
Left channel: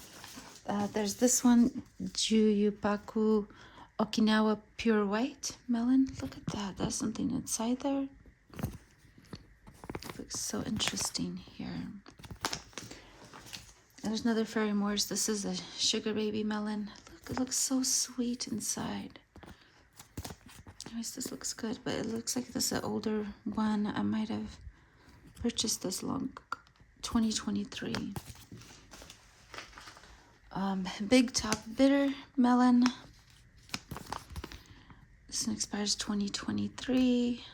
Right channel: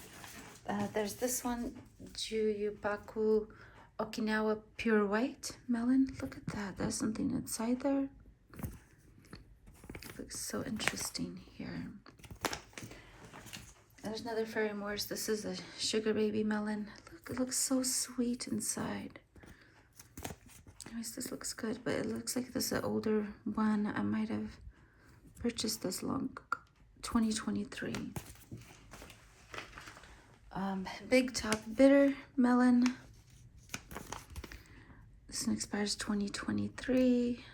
There's this one, Juyupaku Okinawa Pure White melon. Look at that. There's something inside there. Looks so interesting here. There's another Fairy Moore's. This is a Sugar Baby melon. Look, it looks so sweet inside. Anyways, this looks good, but it looks like this is an older one. I might have purchased this 2023. Big Top Bitter Melon. This one expires 2023.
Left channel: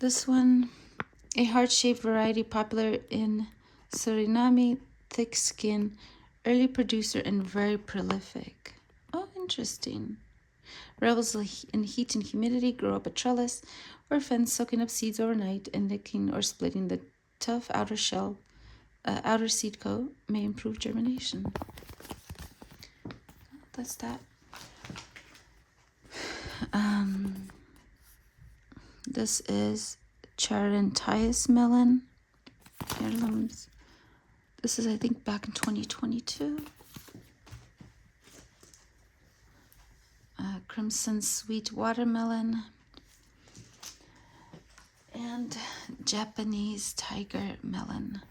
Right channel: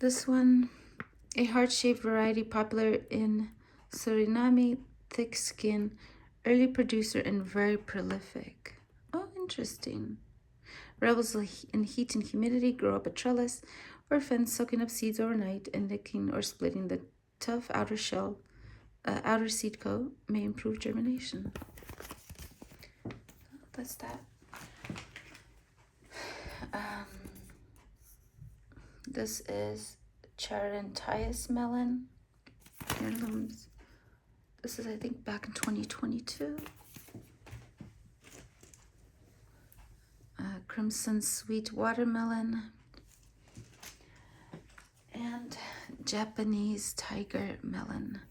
This one, a heart-shaped variety popular in Suriname, thick skin, early producer, and very prolific. Oh, interesting. Revels in heat and humidity, grow up a trellis or fence, soaking up seeds overnight and licking or splitting the tough outer shell. Outer seed coat may improve germination. That's that. This is Charentias melon. Heirlooms. This is, I think, back in 2022. Crimson sweet watermelon. And Japanese tiger melon.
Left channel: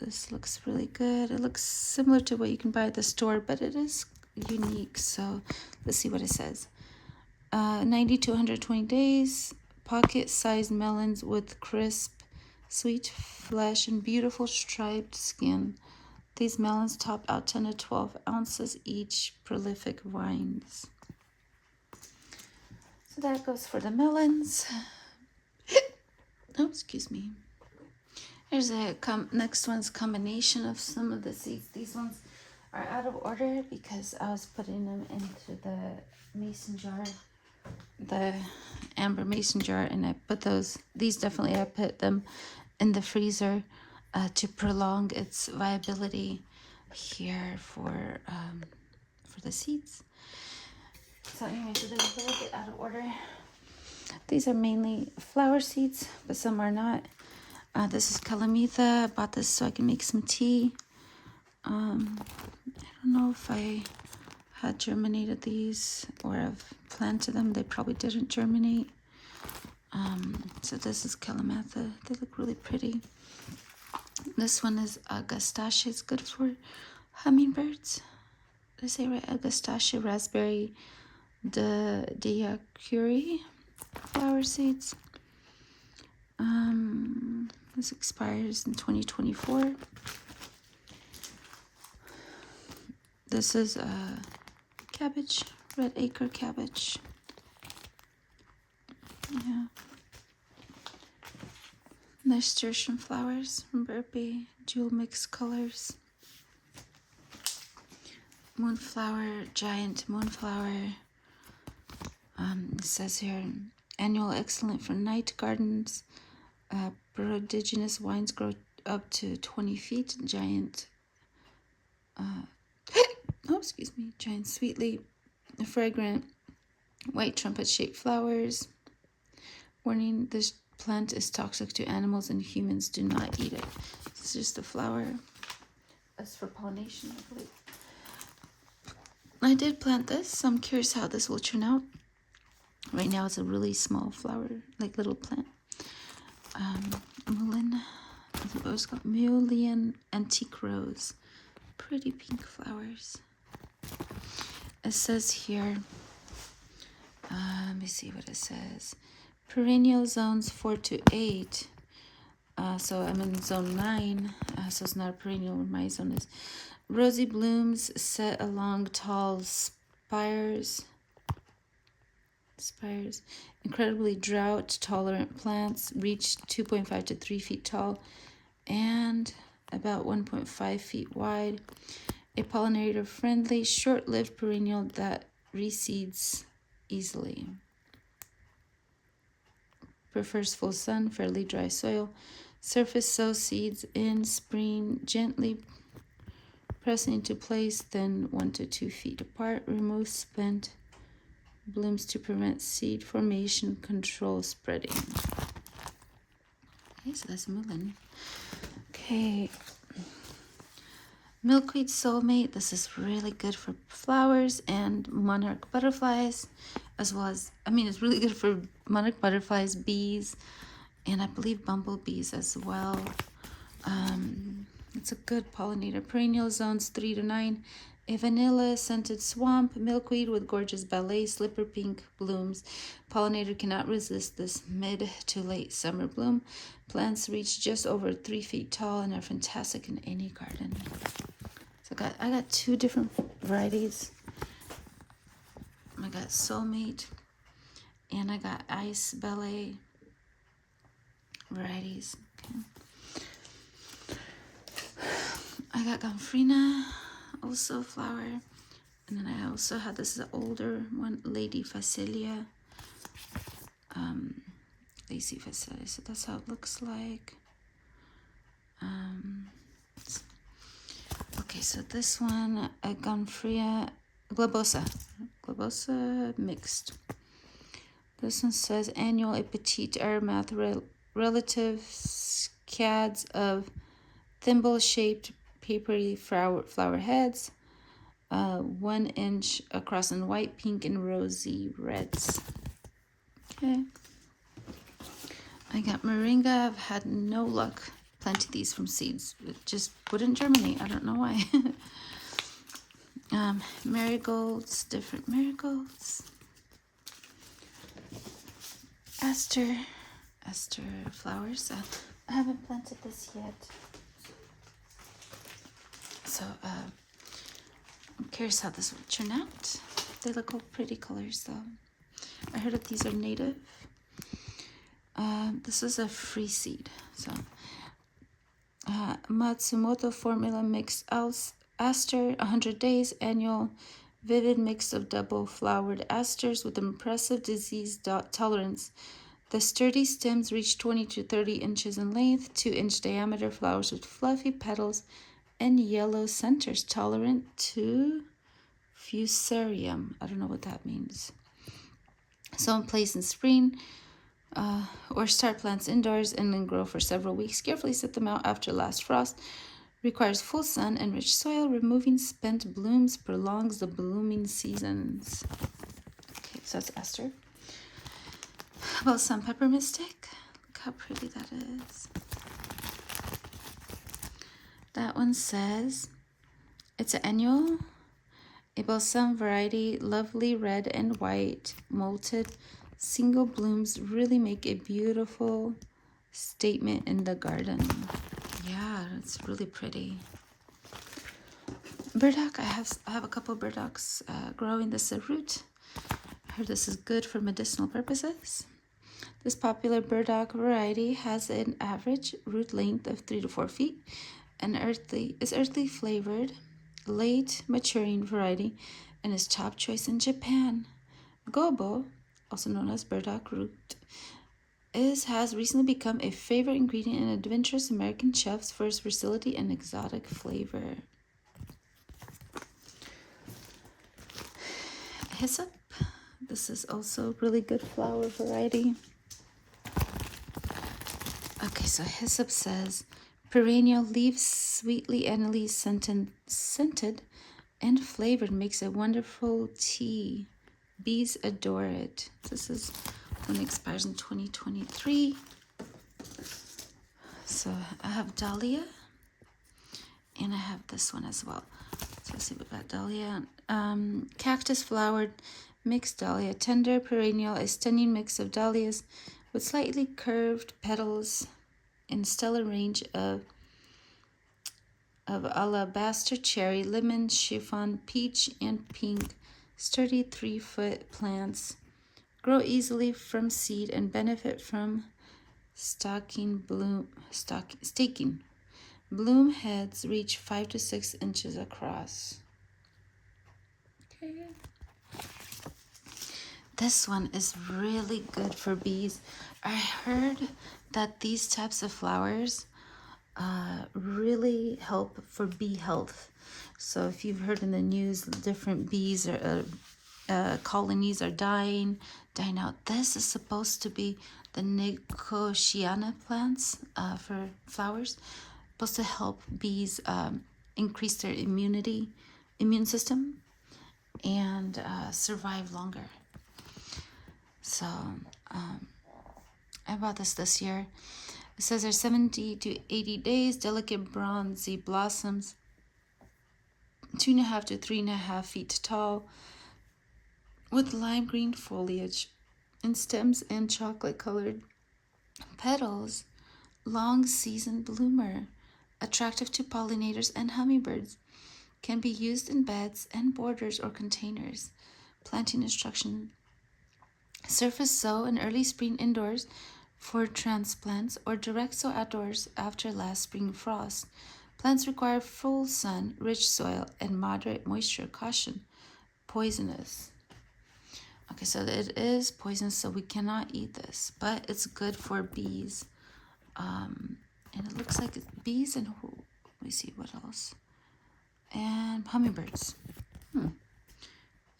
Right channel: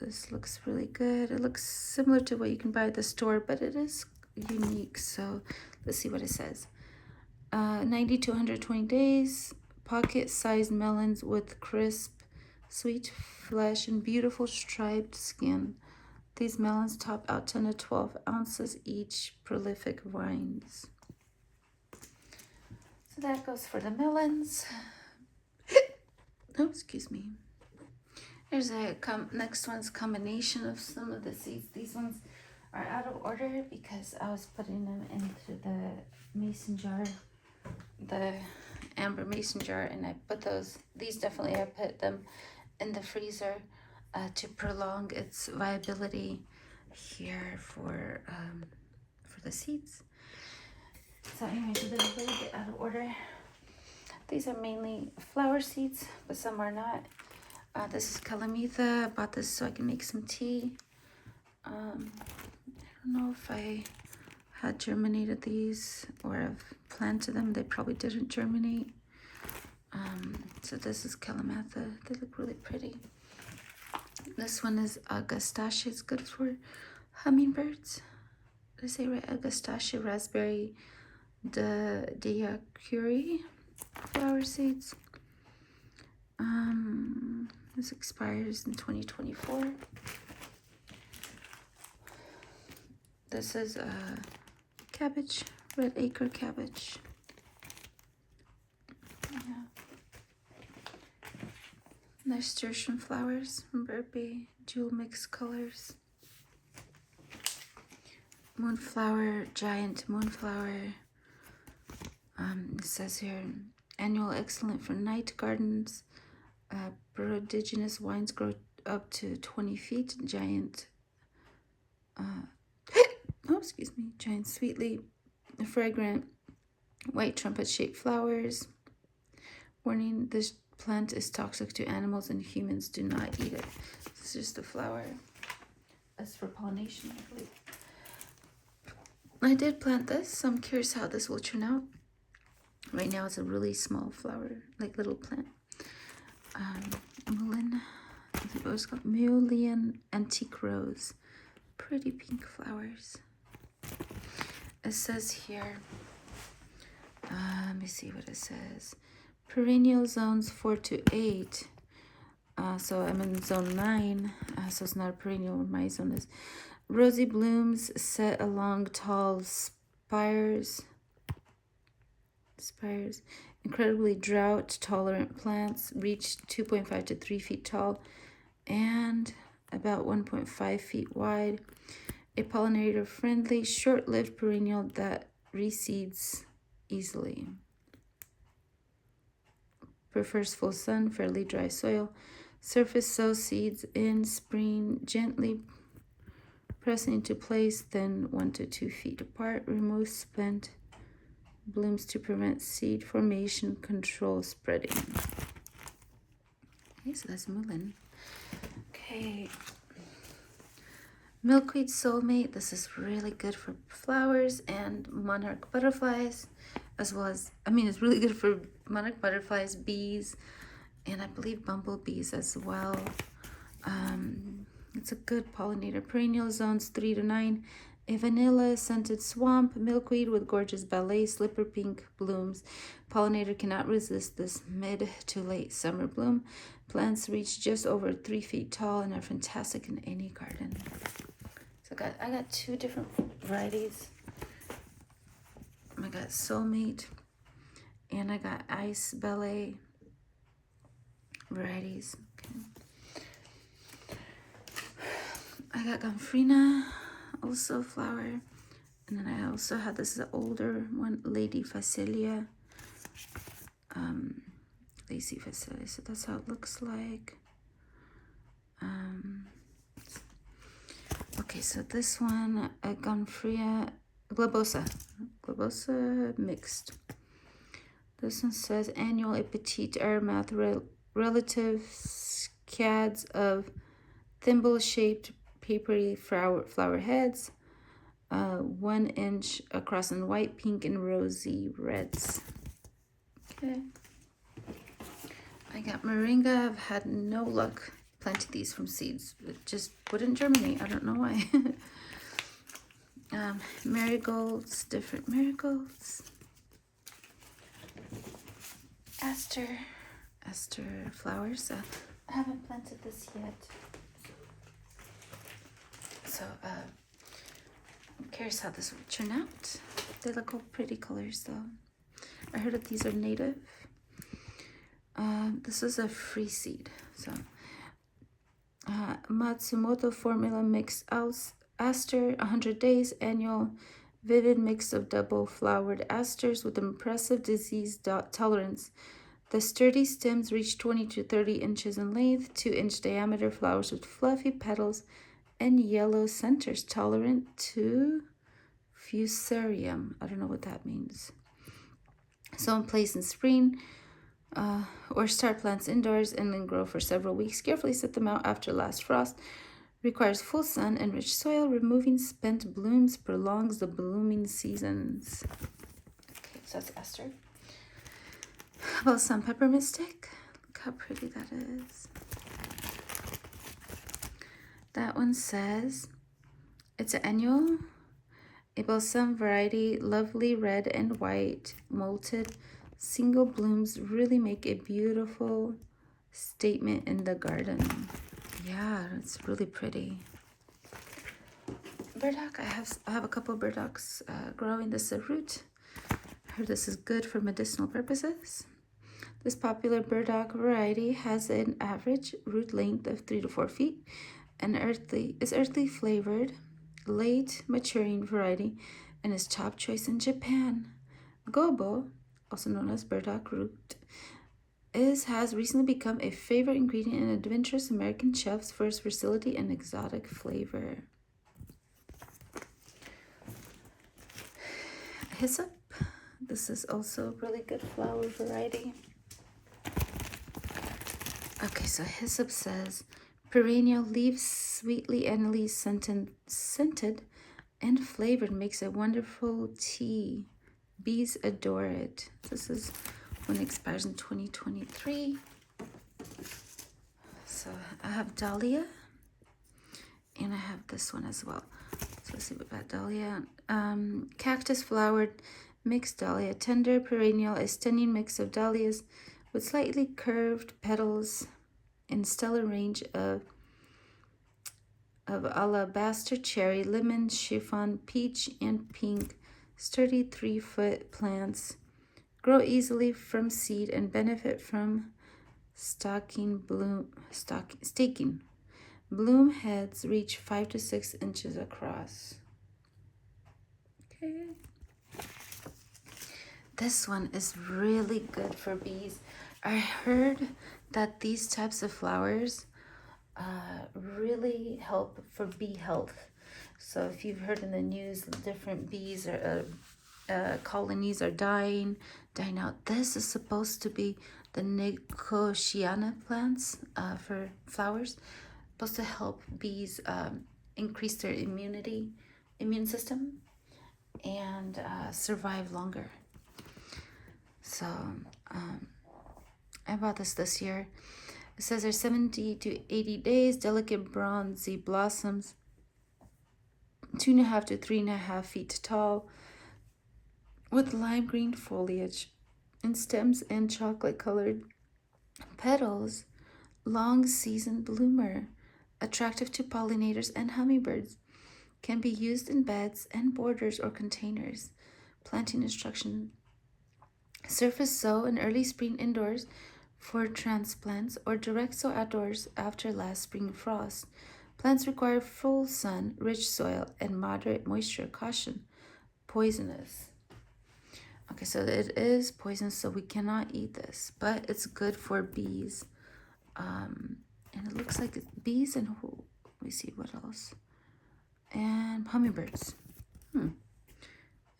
This looks really good. It looks similar to what you can buy at the store, but it is unique. So let's see what it says. 90 to 120 days. Pocket-sized melons with crisp, sweet flesh and beautiful striped skin. These melons top out 10 to 12 ounces each. Prolific vines. So that goes for the melons. Oh, excuse me. Here's a next one's combination of some of the seeds. These ones are out of order because I was putting them into the mason jar, the amber mason jar, and I put these definitely, I put them in the freezer to prolong its viability here for the seeds. So anyway, so they're a little bit out of order. These are mainly flower seeds, but some are not. This is Calamita. I bought this so I can make some tea. I don't know if I had germinated these or I've planted them. They probably didn't germinate. So this is Calamata. They look really pretty. This one is Agastache. It's good for hummingbirds. Did I say right? Agastache raspberry Diacuri flower seeds. This expires in 2024. This is cabbage, red acre cabbage. Yeah. Nasturtium flowers from Burpee, jewel mix colors. Moonflower, giant moonflower. It says here, annual excellent for night gardens. Prodigious vines grow up to 20 feet. Giant, giant sweetly fragrant white trumpet-shaped flowers. Warning, this plant is toxic to animals and humans do not eat it. This is just a flower. That's for pollination, I believe. I did plant this, so I'm curious how this will turn out. Right now it's a really small flower, like little plant. Mullein, what was it called? Mullein Antique Rose. Pretty pink flowers. It says here, let me see what it says. Perennial zones 4 to 8. So I'm in zone 9, so it's not a perennial. My zone is rosy blooms set along tall spires. Incredibly drought tolerant plants reach 2.5 to 3 feet tall and about 1.5 feet wide. A pollinator friendly, short-lived perennial that reseeds easily. Prefers full sun, fairly dry soil. Surface sow seeds in spring, gently press into place, then 1 to 2 feet apart. Remove spent blooms to prevent seed formation, control spreading. Okay, so that's mullein. Okay. Milkweed soulmate. This is really good for flowers and monarch butterflies, as well as, it's really good for monarch butterflies, bees, and I believe bumblebees as well. It's a good pollinator. Perennial zones 3 to 9. A vanilla scented swamp, milkweed with gorgeous ballet slipper pink blooms. Pollinator cannot resist this mid to late summer bloom. Plants reach just over 3 feet tall and are fantastic in any garden. So I got two different varieties. I got Soulmate and I got Ice Ballet varieties. Okay. I got Gomphrena, also flower. And then I also had, this is an older one, Lady Phacelia. Lacy Phacelia, so that's how it looks like. Okay, so this one, Gomphrena globosa mixed. This one says annual a petite aromath relative scads of thimble-shaped papery flower heads, 1 inch across in white, pink, and rosy reds. Okay. I got moringa. I've had no luck planting these from seeds. It just wouldn't germinate. I don't know why. Marigolds, different marigolds. Aster flowers. I haven't planted this yet. So I'm curious how this will turn out. They look all pretty colors though. I heard that these are native. This is a free seed. So Matsumoto formula mixed aster, 100 days, annual vivid mix of double flowered asters with impressive disease tolerance. The sturdy stems reach 20 to 30 inches in length, 2-inch diameter flowers with fluffy petals and yellow centers, tolerant to fusarium. I don't know what that means. Sown place in spring, or start plants indoors and then grow for several weeks. Carefully set them out after last frost. Requires full sun and rich soil. Removing spent blooms prolongs the blooming seasons. Okay, so that's Esther. Balsam pepper mystic. Look how pretty that is. That one says it's an annual. A balsam variety, lovely red and white, molted. Single blooms really make a beautiful statement in the garden. Yeah, it's really pretty. Burdock, I have a couple burdocks growing. This is a root. I heard this is good for medicinal purposes. This popular burdock variety has an average root length of 3 to 4 feet and is earthly flavored, late maturing variety, and is top choice in Japan. Gobo, also known as burdock root, has recently become a favorite ingredient in adventurous American chefs for its versatility and exotic flavor. Hyssop. This is also really good flower variety. Okay, so hyssop says perennial, leaves sweetly anily scented and flavored, makes a wonderful tea. Bees adore it. This is one that expires in 2023. So I have dahlia, and I have this one as well. So let's see, we got dahlia. Cactus flowered mixed dahlia, tender perennial, a stunning mix of dahlias with slightly curved petals and stellar range of alabaster cherry, lemon, chiffon, peach, and pink. Sturdy 3-foot plants grow easily from seed and benefit from staking. Bloom heads reach 5 to 6 inches across. Okay. This one is really good for bees. I heard that these types of flowers really help for bee health. So if you've heard in the news, different bees or colonies are dying out. This is supposed to be the Nicotiana plants for flowers, supposed to help bees increase their immune system, and survive longer. So I bought this year. It says there's 70 to 80 days, delicate bronzy blossoms, 2.5 to 3.5 feet tall, with lime green foliage and stems and chocolate colored petals. Long season bloomer, attractive to pollinators and hummingbirds. Can be used in beds and borders or containers. Planting instruction: surface sow in early spring indoors for transplants, or direct sow outdoors after last spring frost. Plants require full sun, rich soil, and moderate moisture. Caution: poisonous. Okay, so it is poisonous, so we cannot eat this, but it's good for bees. And it looks like it's bees and let me see what else. And hummingbirds.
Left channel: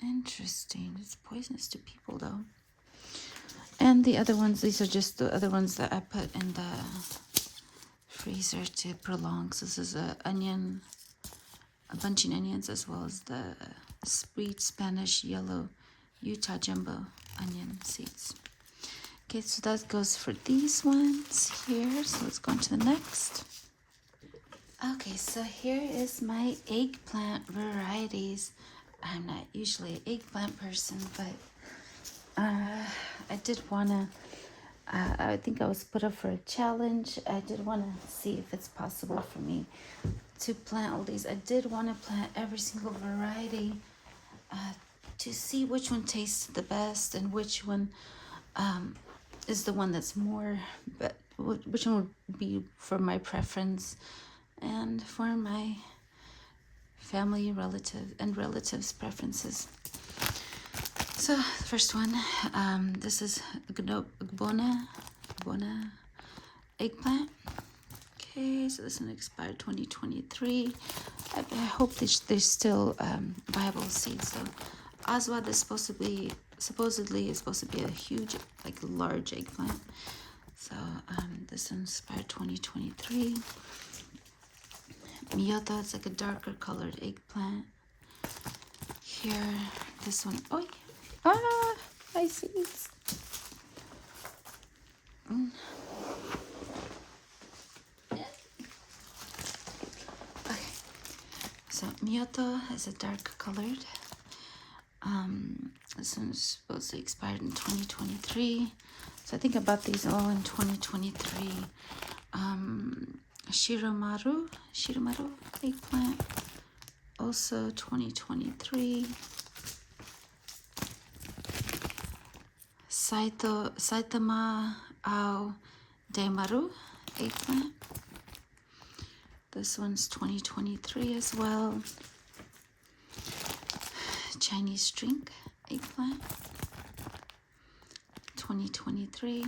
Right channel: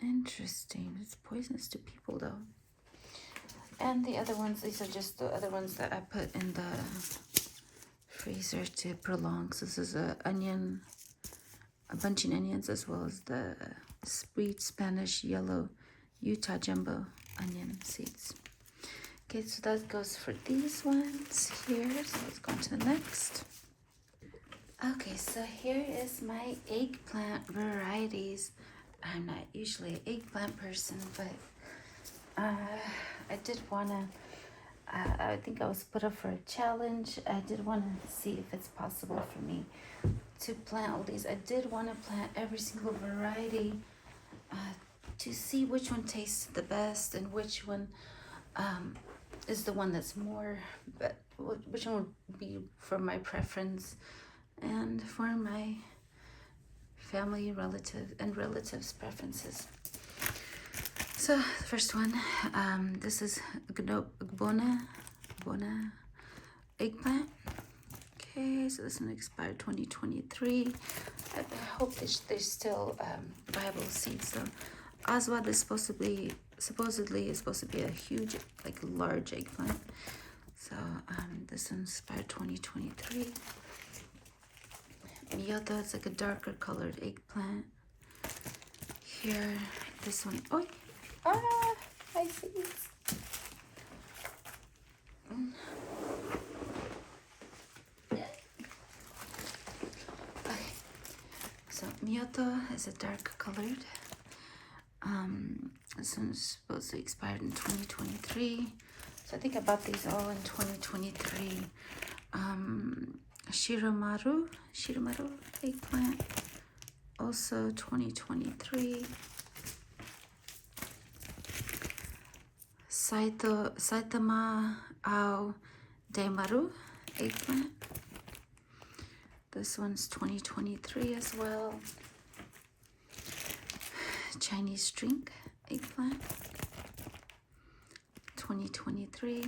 Interesting. It's poisonous to people though. And the other ones, these are just the other ones that I put in the freezer to prolong. So this is a bunching onions, as well as the sweet Spanish yellow Utah jumbo onion seeds. Okay, so that goes for these ones here. So let's go on to the next. Okay, so here is my eggplant varieties. I'm not usually an eggplant person, but I did want to, I think I was put up for a challenge. I did want to see if it's possible for me to plant all these. I did want to plant every single variety to see which one tastes the best and which one is the one that's more, but which one would be for my preference and for my family, relatives' preferences. So the first one, this is Gbona eggplant. Okay, so this one expired 2023. I hope they're still viable seeds though. Aswad is supposedly is supposed to be a huge, like large eggplant. So this one expired 2023. Miyota is like a darker colored eggplant. Here, this one. Oh, my seeds. Okay. So Miyota is a dark colored. This one's supposed to expire in 2023. So I think I bought these all in 2023. Shiramaru eggplant, also 2023. Saitama Ao Daimaru eggplant. This one's 2023 as well. Chinese string eggplant, 2023.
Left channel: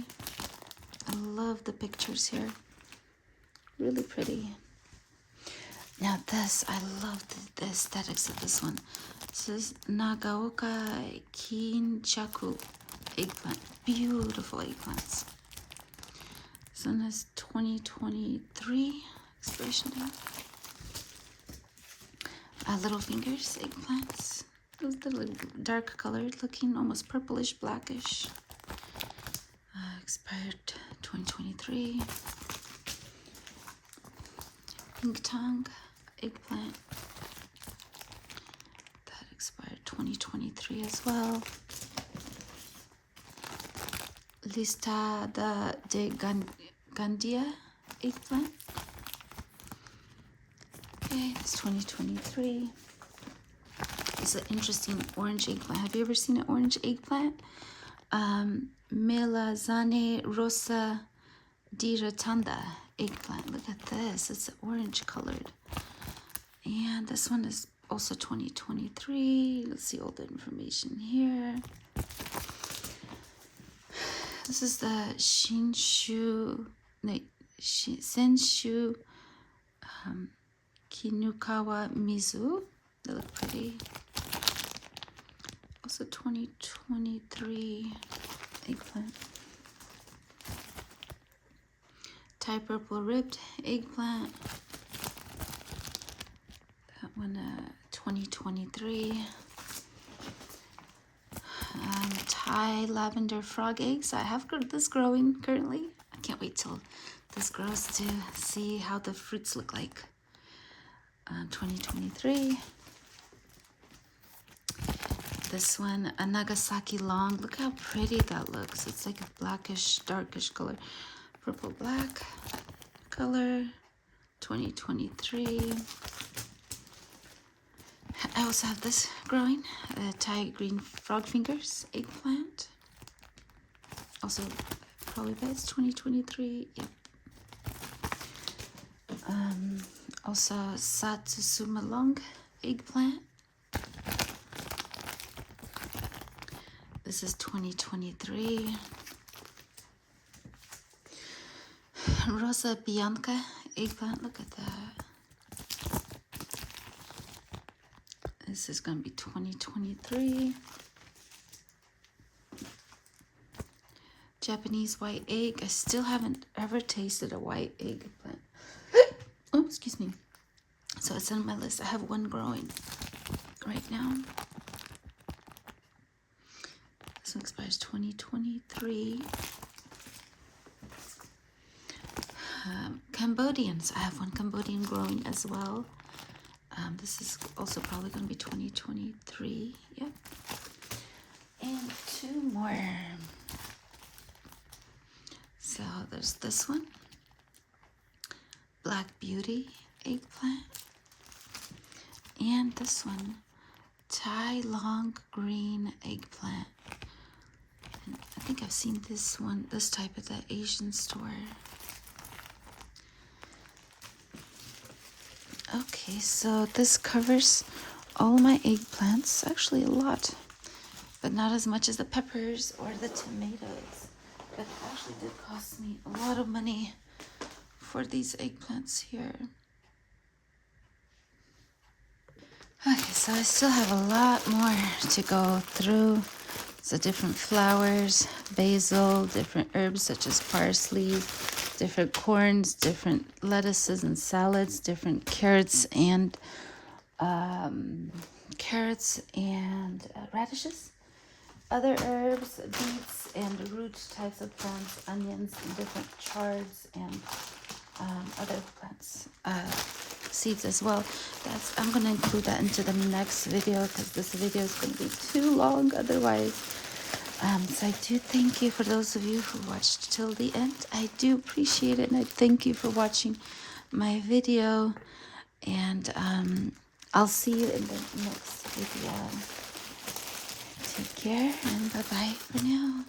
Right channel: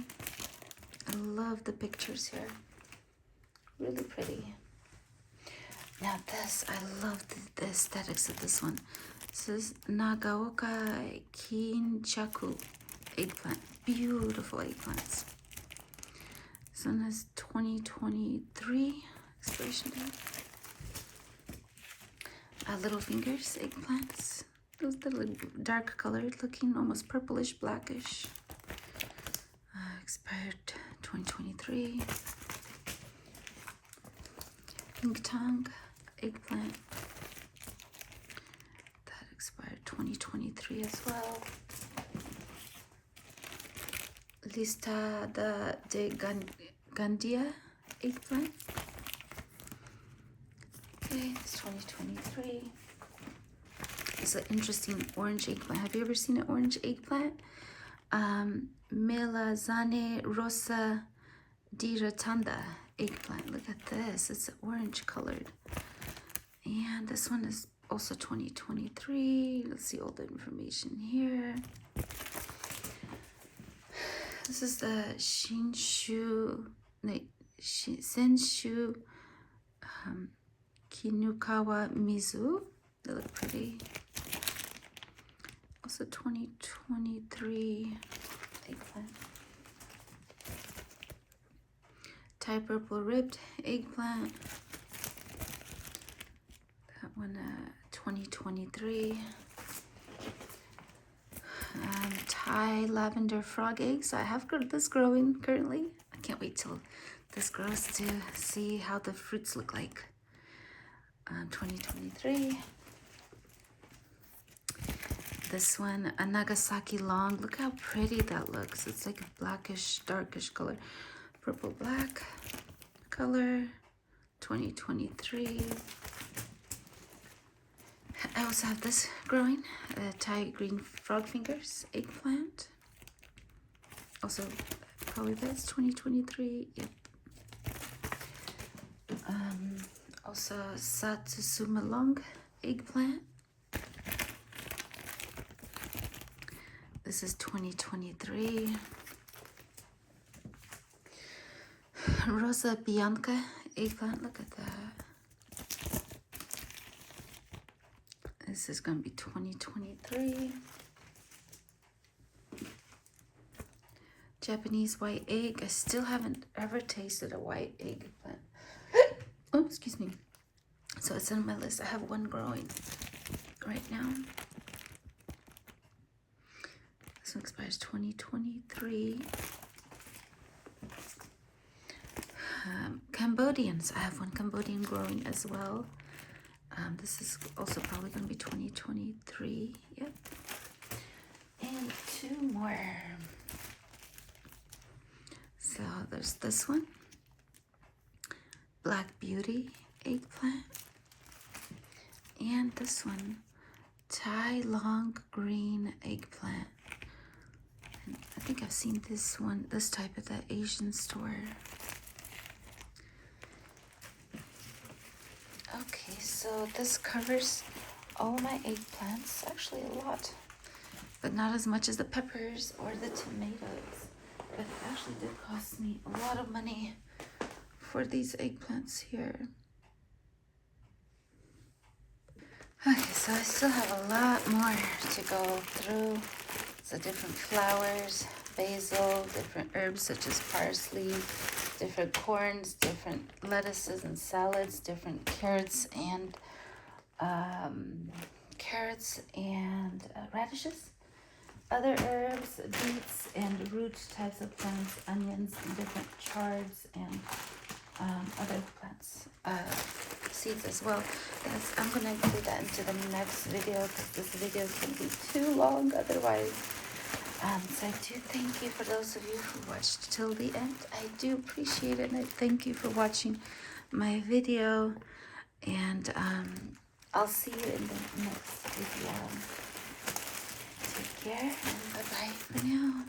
I love the pictures here. Really pretty. Now this, I love the aesthetics of this one. This is Nagaoka Kinchaku eggplant. Beautiful eggplants. This one is 2023 expiration date. Little fingers eggplants. Those little dark colored looking, almost purplish, blackish. Expired 2023. Pink tongue eggplant. That expired 2023 as well. Lista de Gandia eggplant. Okay, it's 2023. It's an interesting orange eggplant. Have you ever seen an orange eggplant? Melazane Rosa di Rotunda eggplant. Look at this. It's orange colored. And this one is also 2023. Let's see all the information here. This is the Senshu Kinukawa Mizu. They look pretty. Also 2023 eggplant. Thai purple ribbed eggplant. That one 2023. Thai lavender frog eggs. I have this growing currently. I can't wait till this grows to see how the fruits look like. 2023. this one, a Nagasaki long. Look how pretty that looks. It's like a blackish, darkish color. Purple black color, 2023. I also have this growing, Thai green frog fingers eggplant. Also, probably that's 2023. Yep. Also, Satsuma long eggplant. This is 2023. Rosa Bianca eggplant. Look at that. This is going to be 2023. Japanese white egg. I still haven't ever tasted a white eggplant. Oh, excuse me. So it's on my list. I have one growing right now. This one expires 2023. Cambodians. I have one Cambodian growing as well. This is also probably going to be 2023. Yep. And two more. So there's this one. Black Beauty eggplant. And this one. Thai long green eggplant. And I think I've seen this one, this type at that Asian store. Okay, so this covers all my eggplants. Actually a lot, but not as much as the peppers or the tomatoes. But it actually did cost me a lot of money for these eggplants here. Okay, so I still have a lot more to go through. So different flowers, basil, different herbs such as parsley, different corns, different lettuces and salads, different carrots and radishes, other herbs, beets and root types of plants, onions, and different chards and other plants, seeds as well. I'm going to include that into the next video because this video is going to be too long otherwise. So I do thank you for those of you who watched till the end. I do appreciate it, and I thank you for watching my video. And I'll see you in the next video. Take care and bye-bye for now.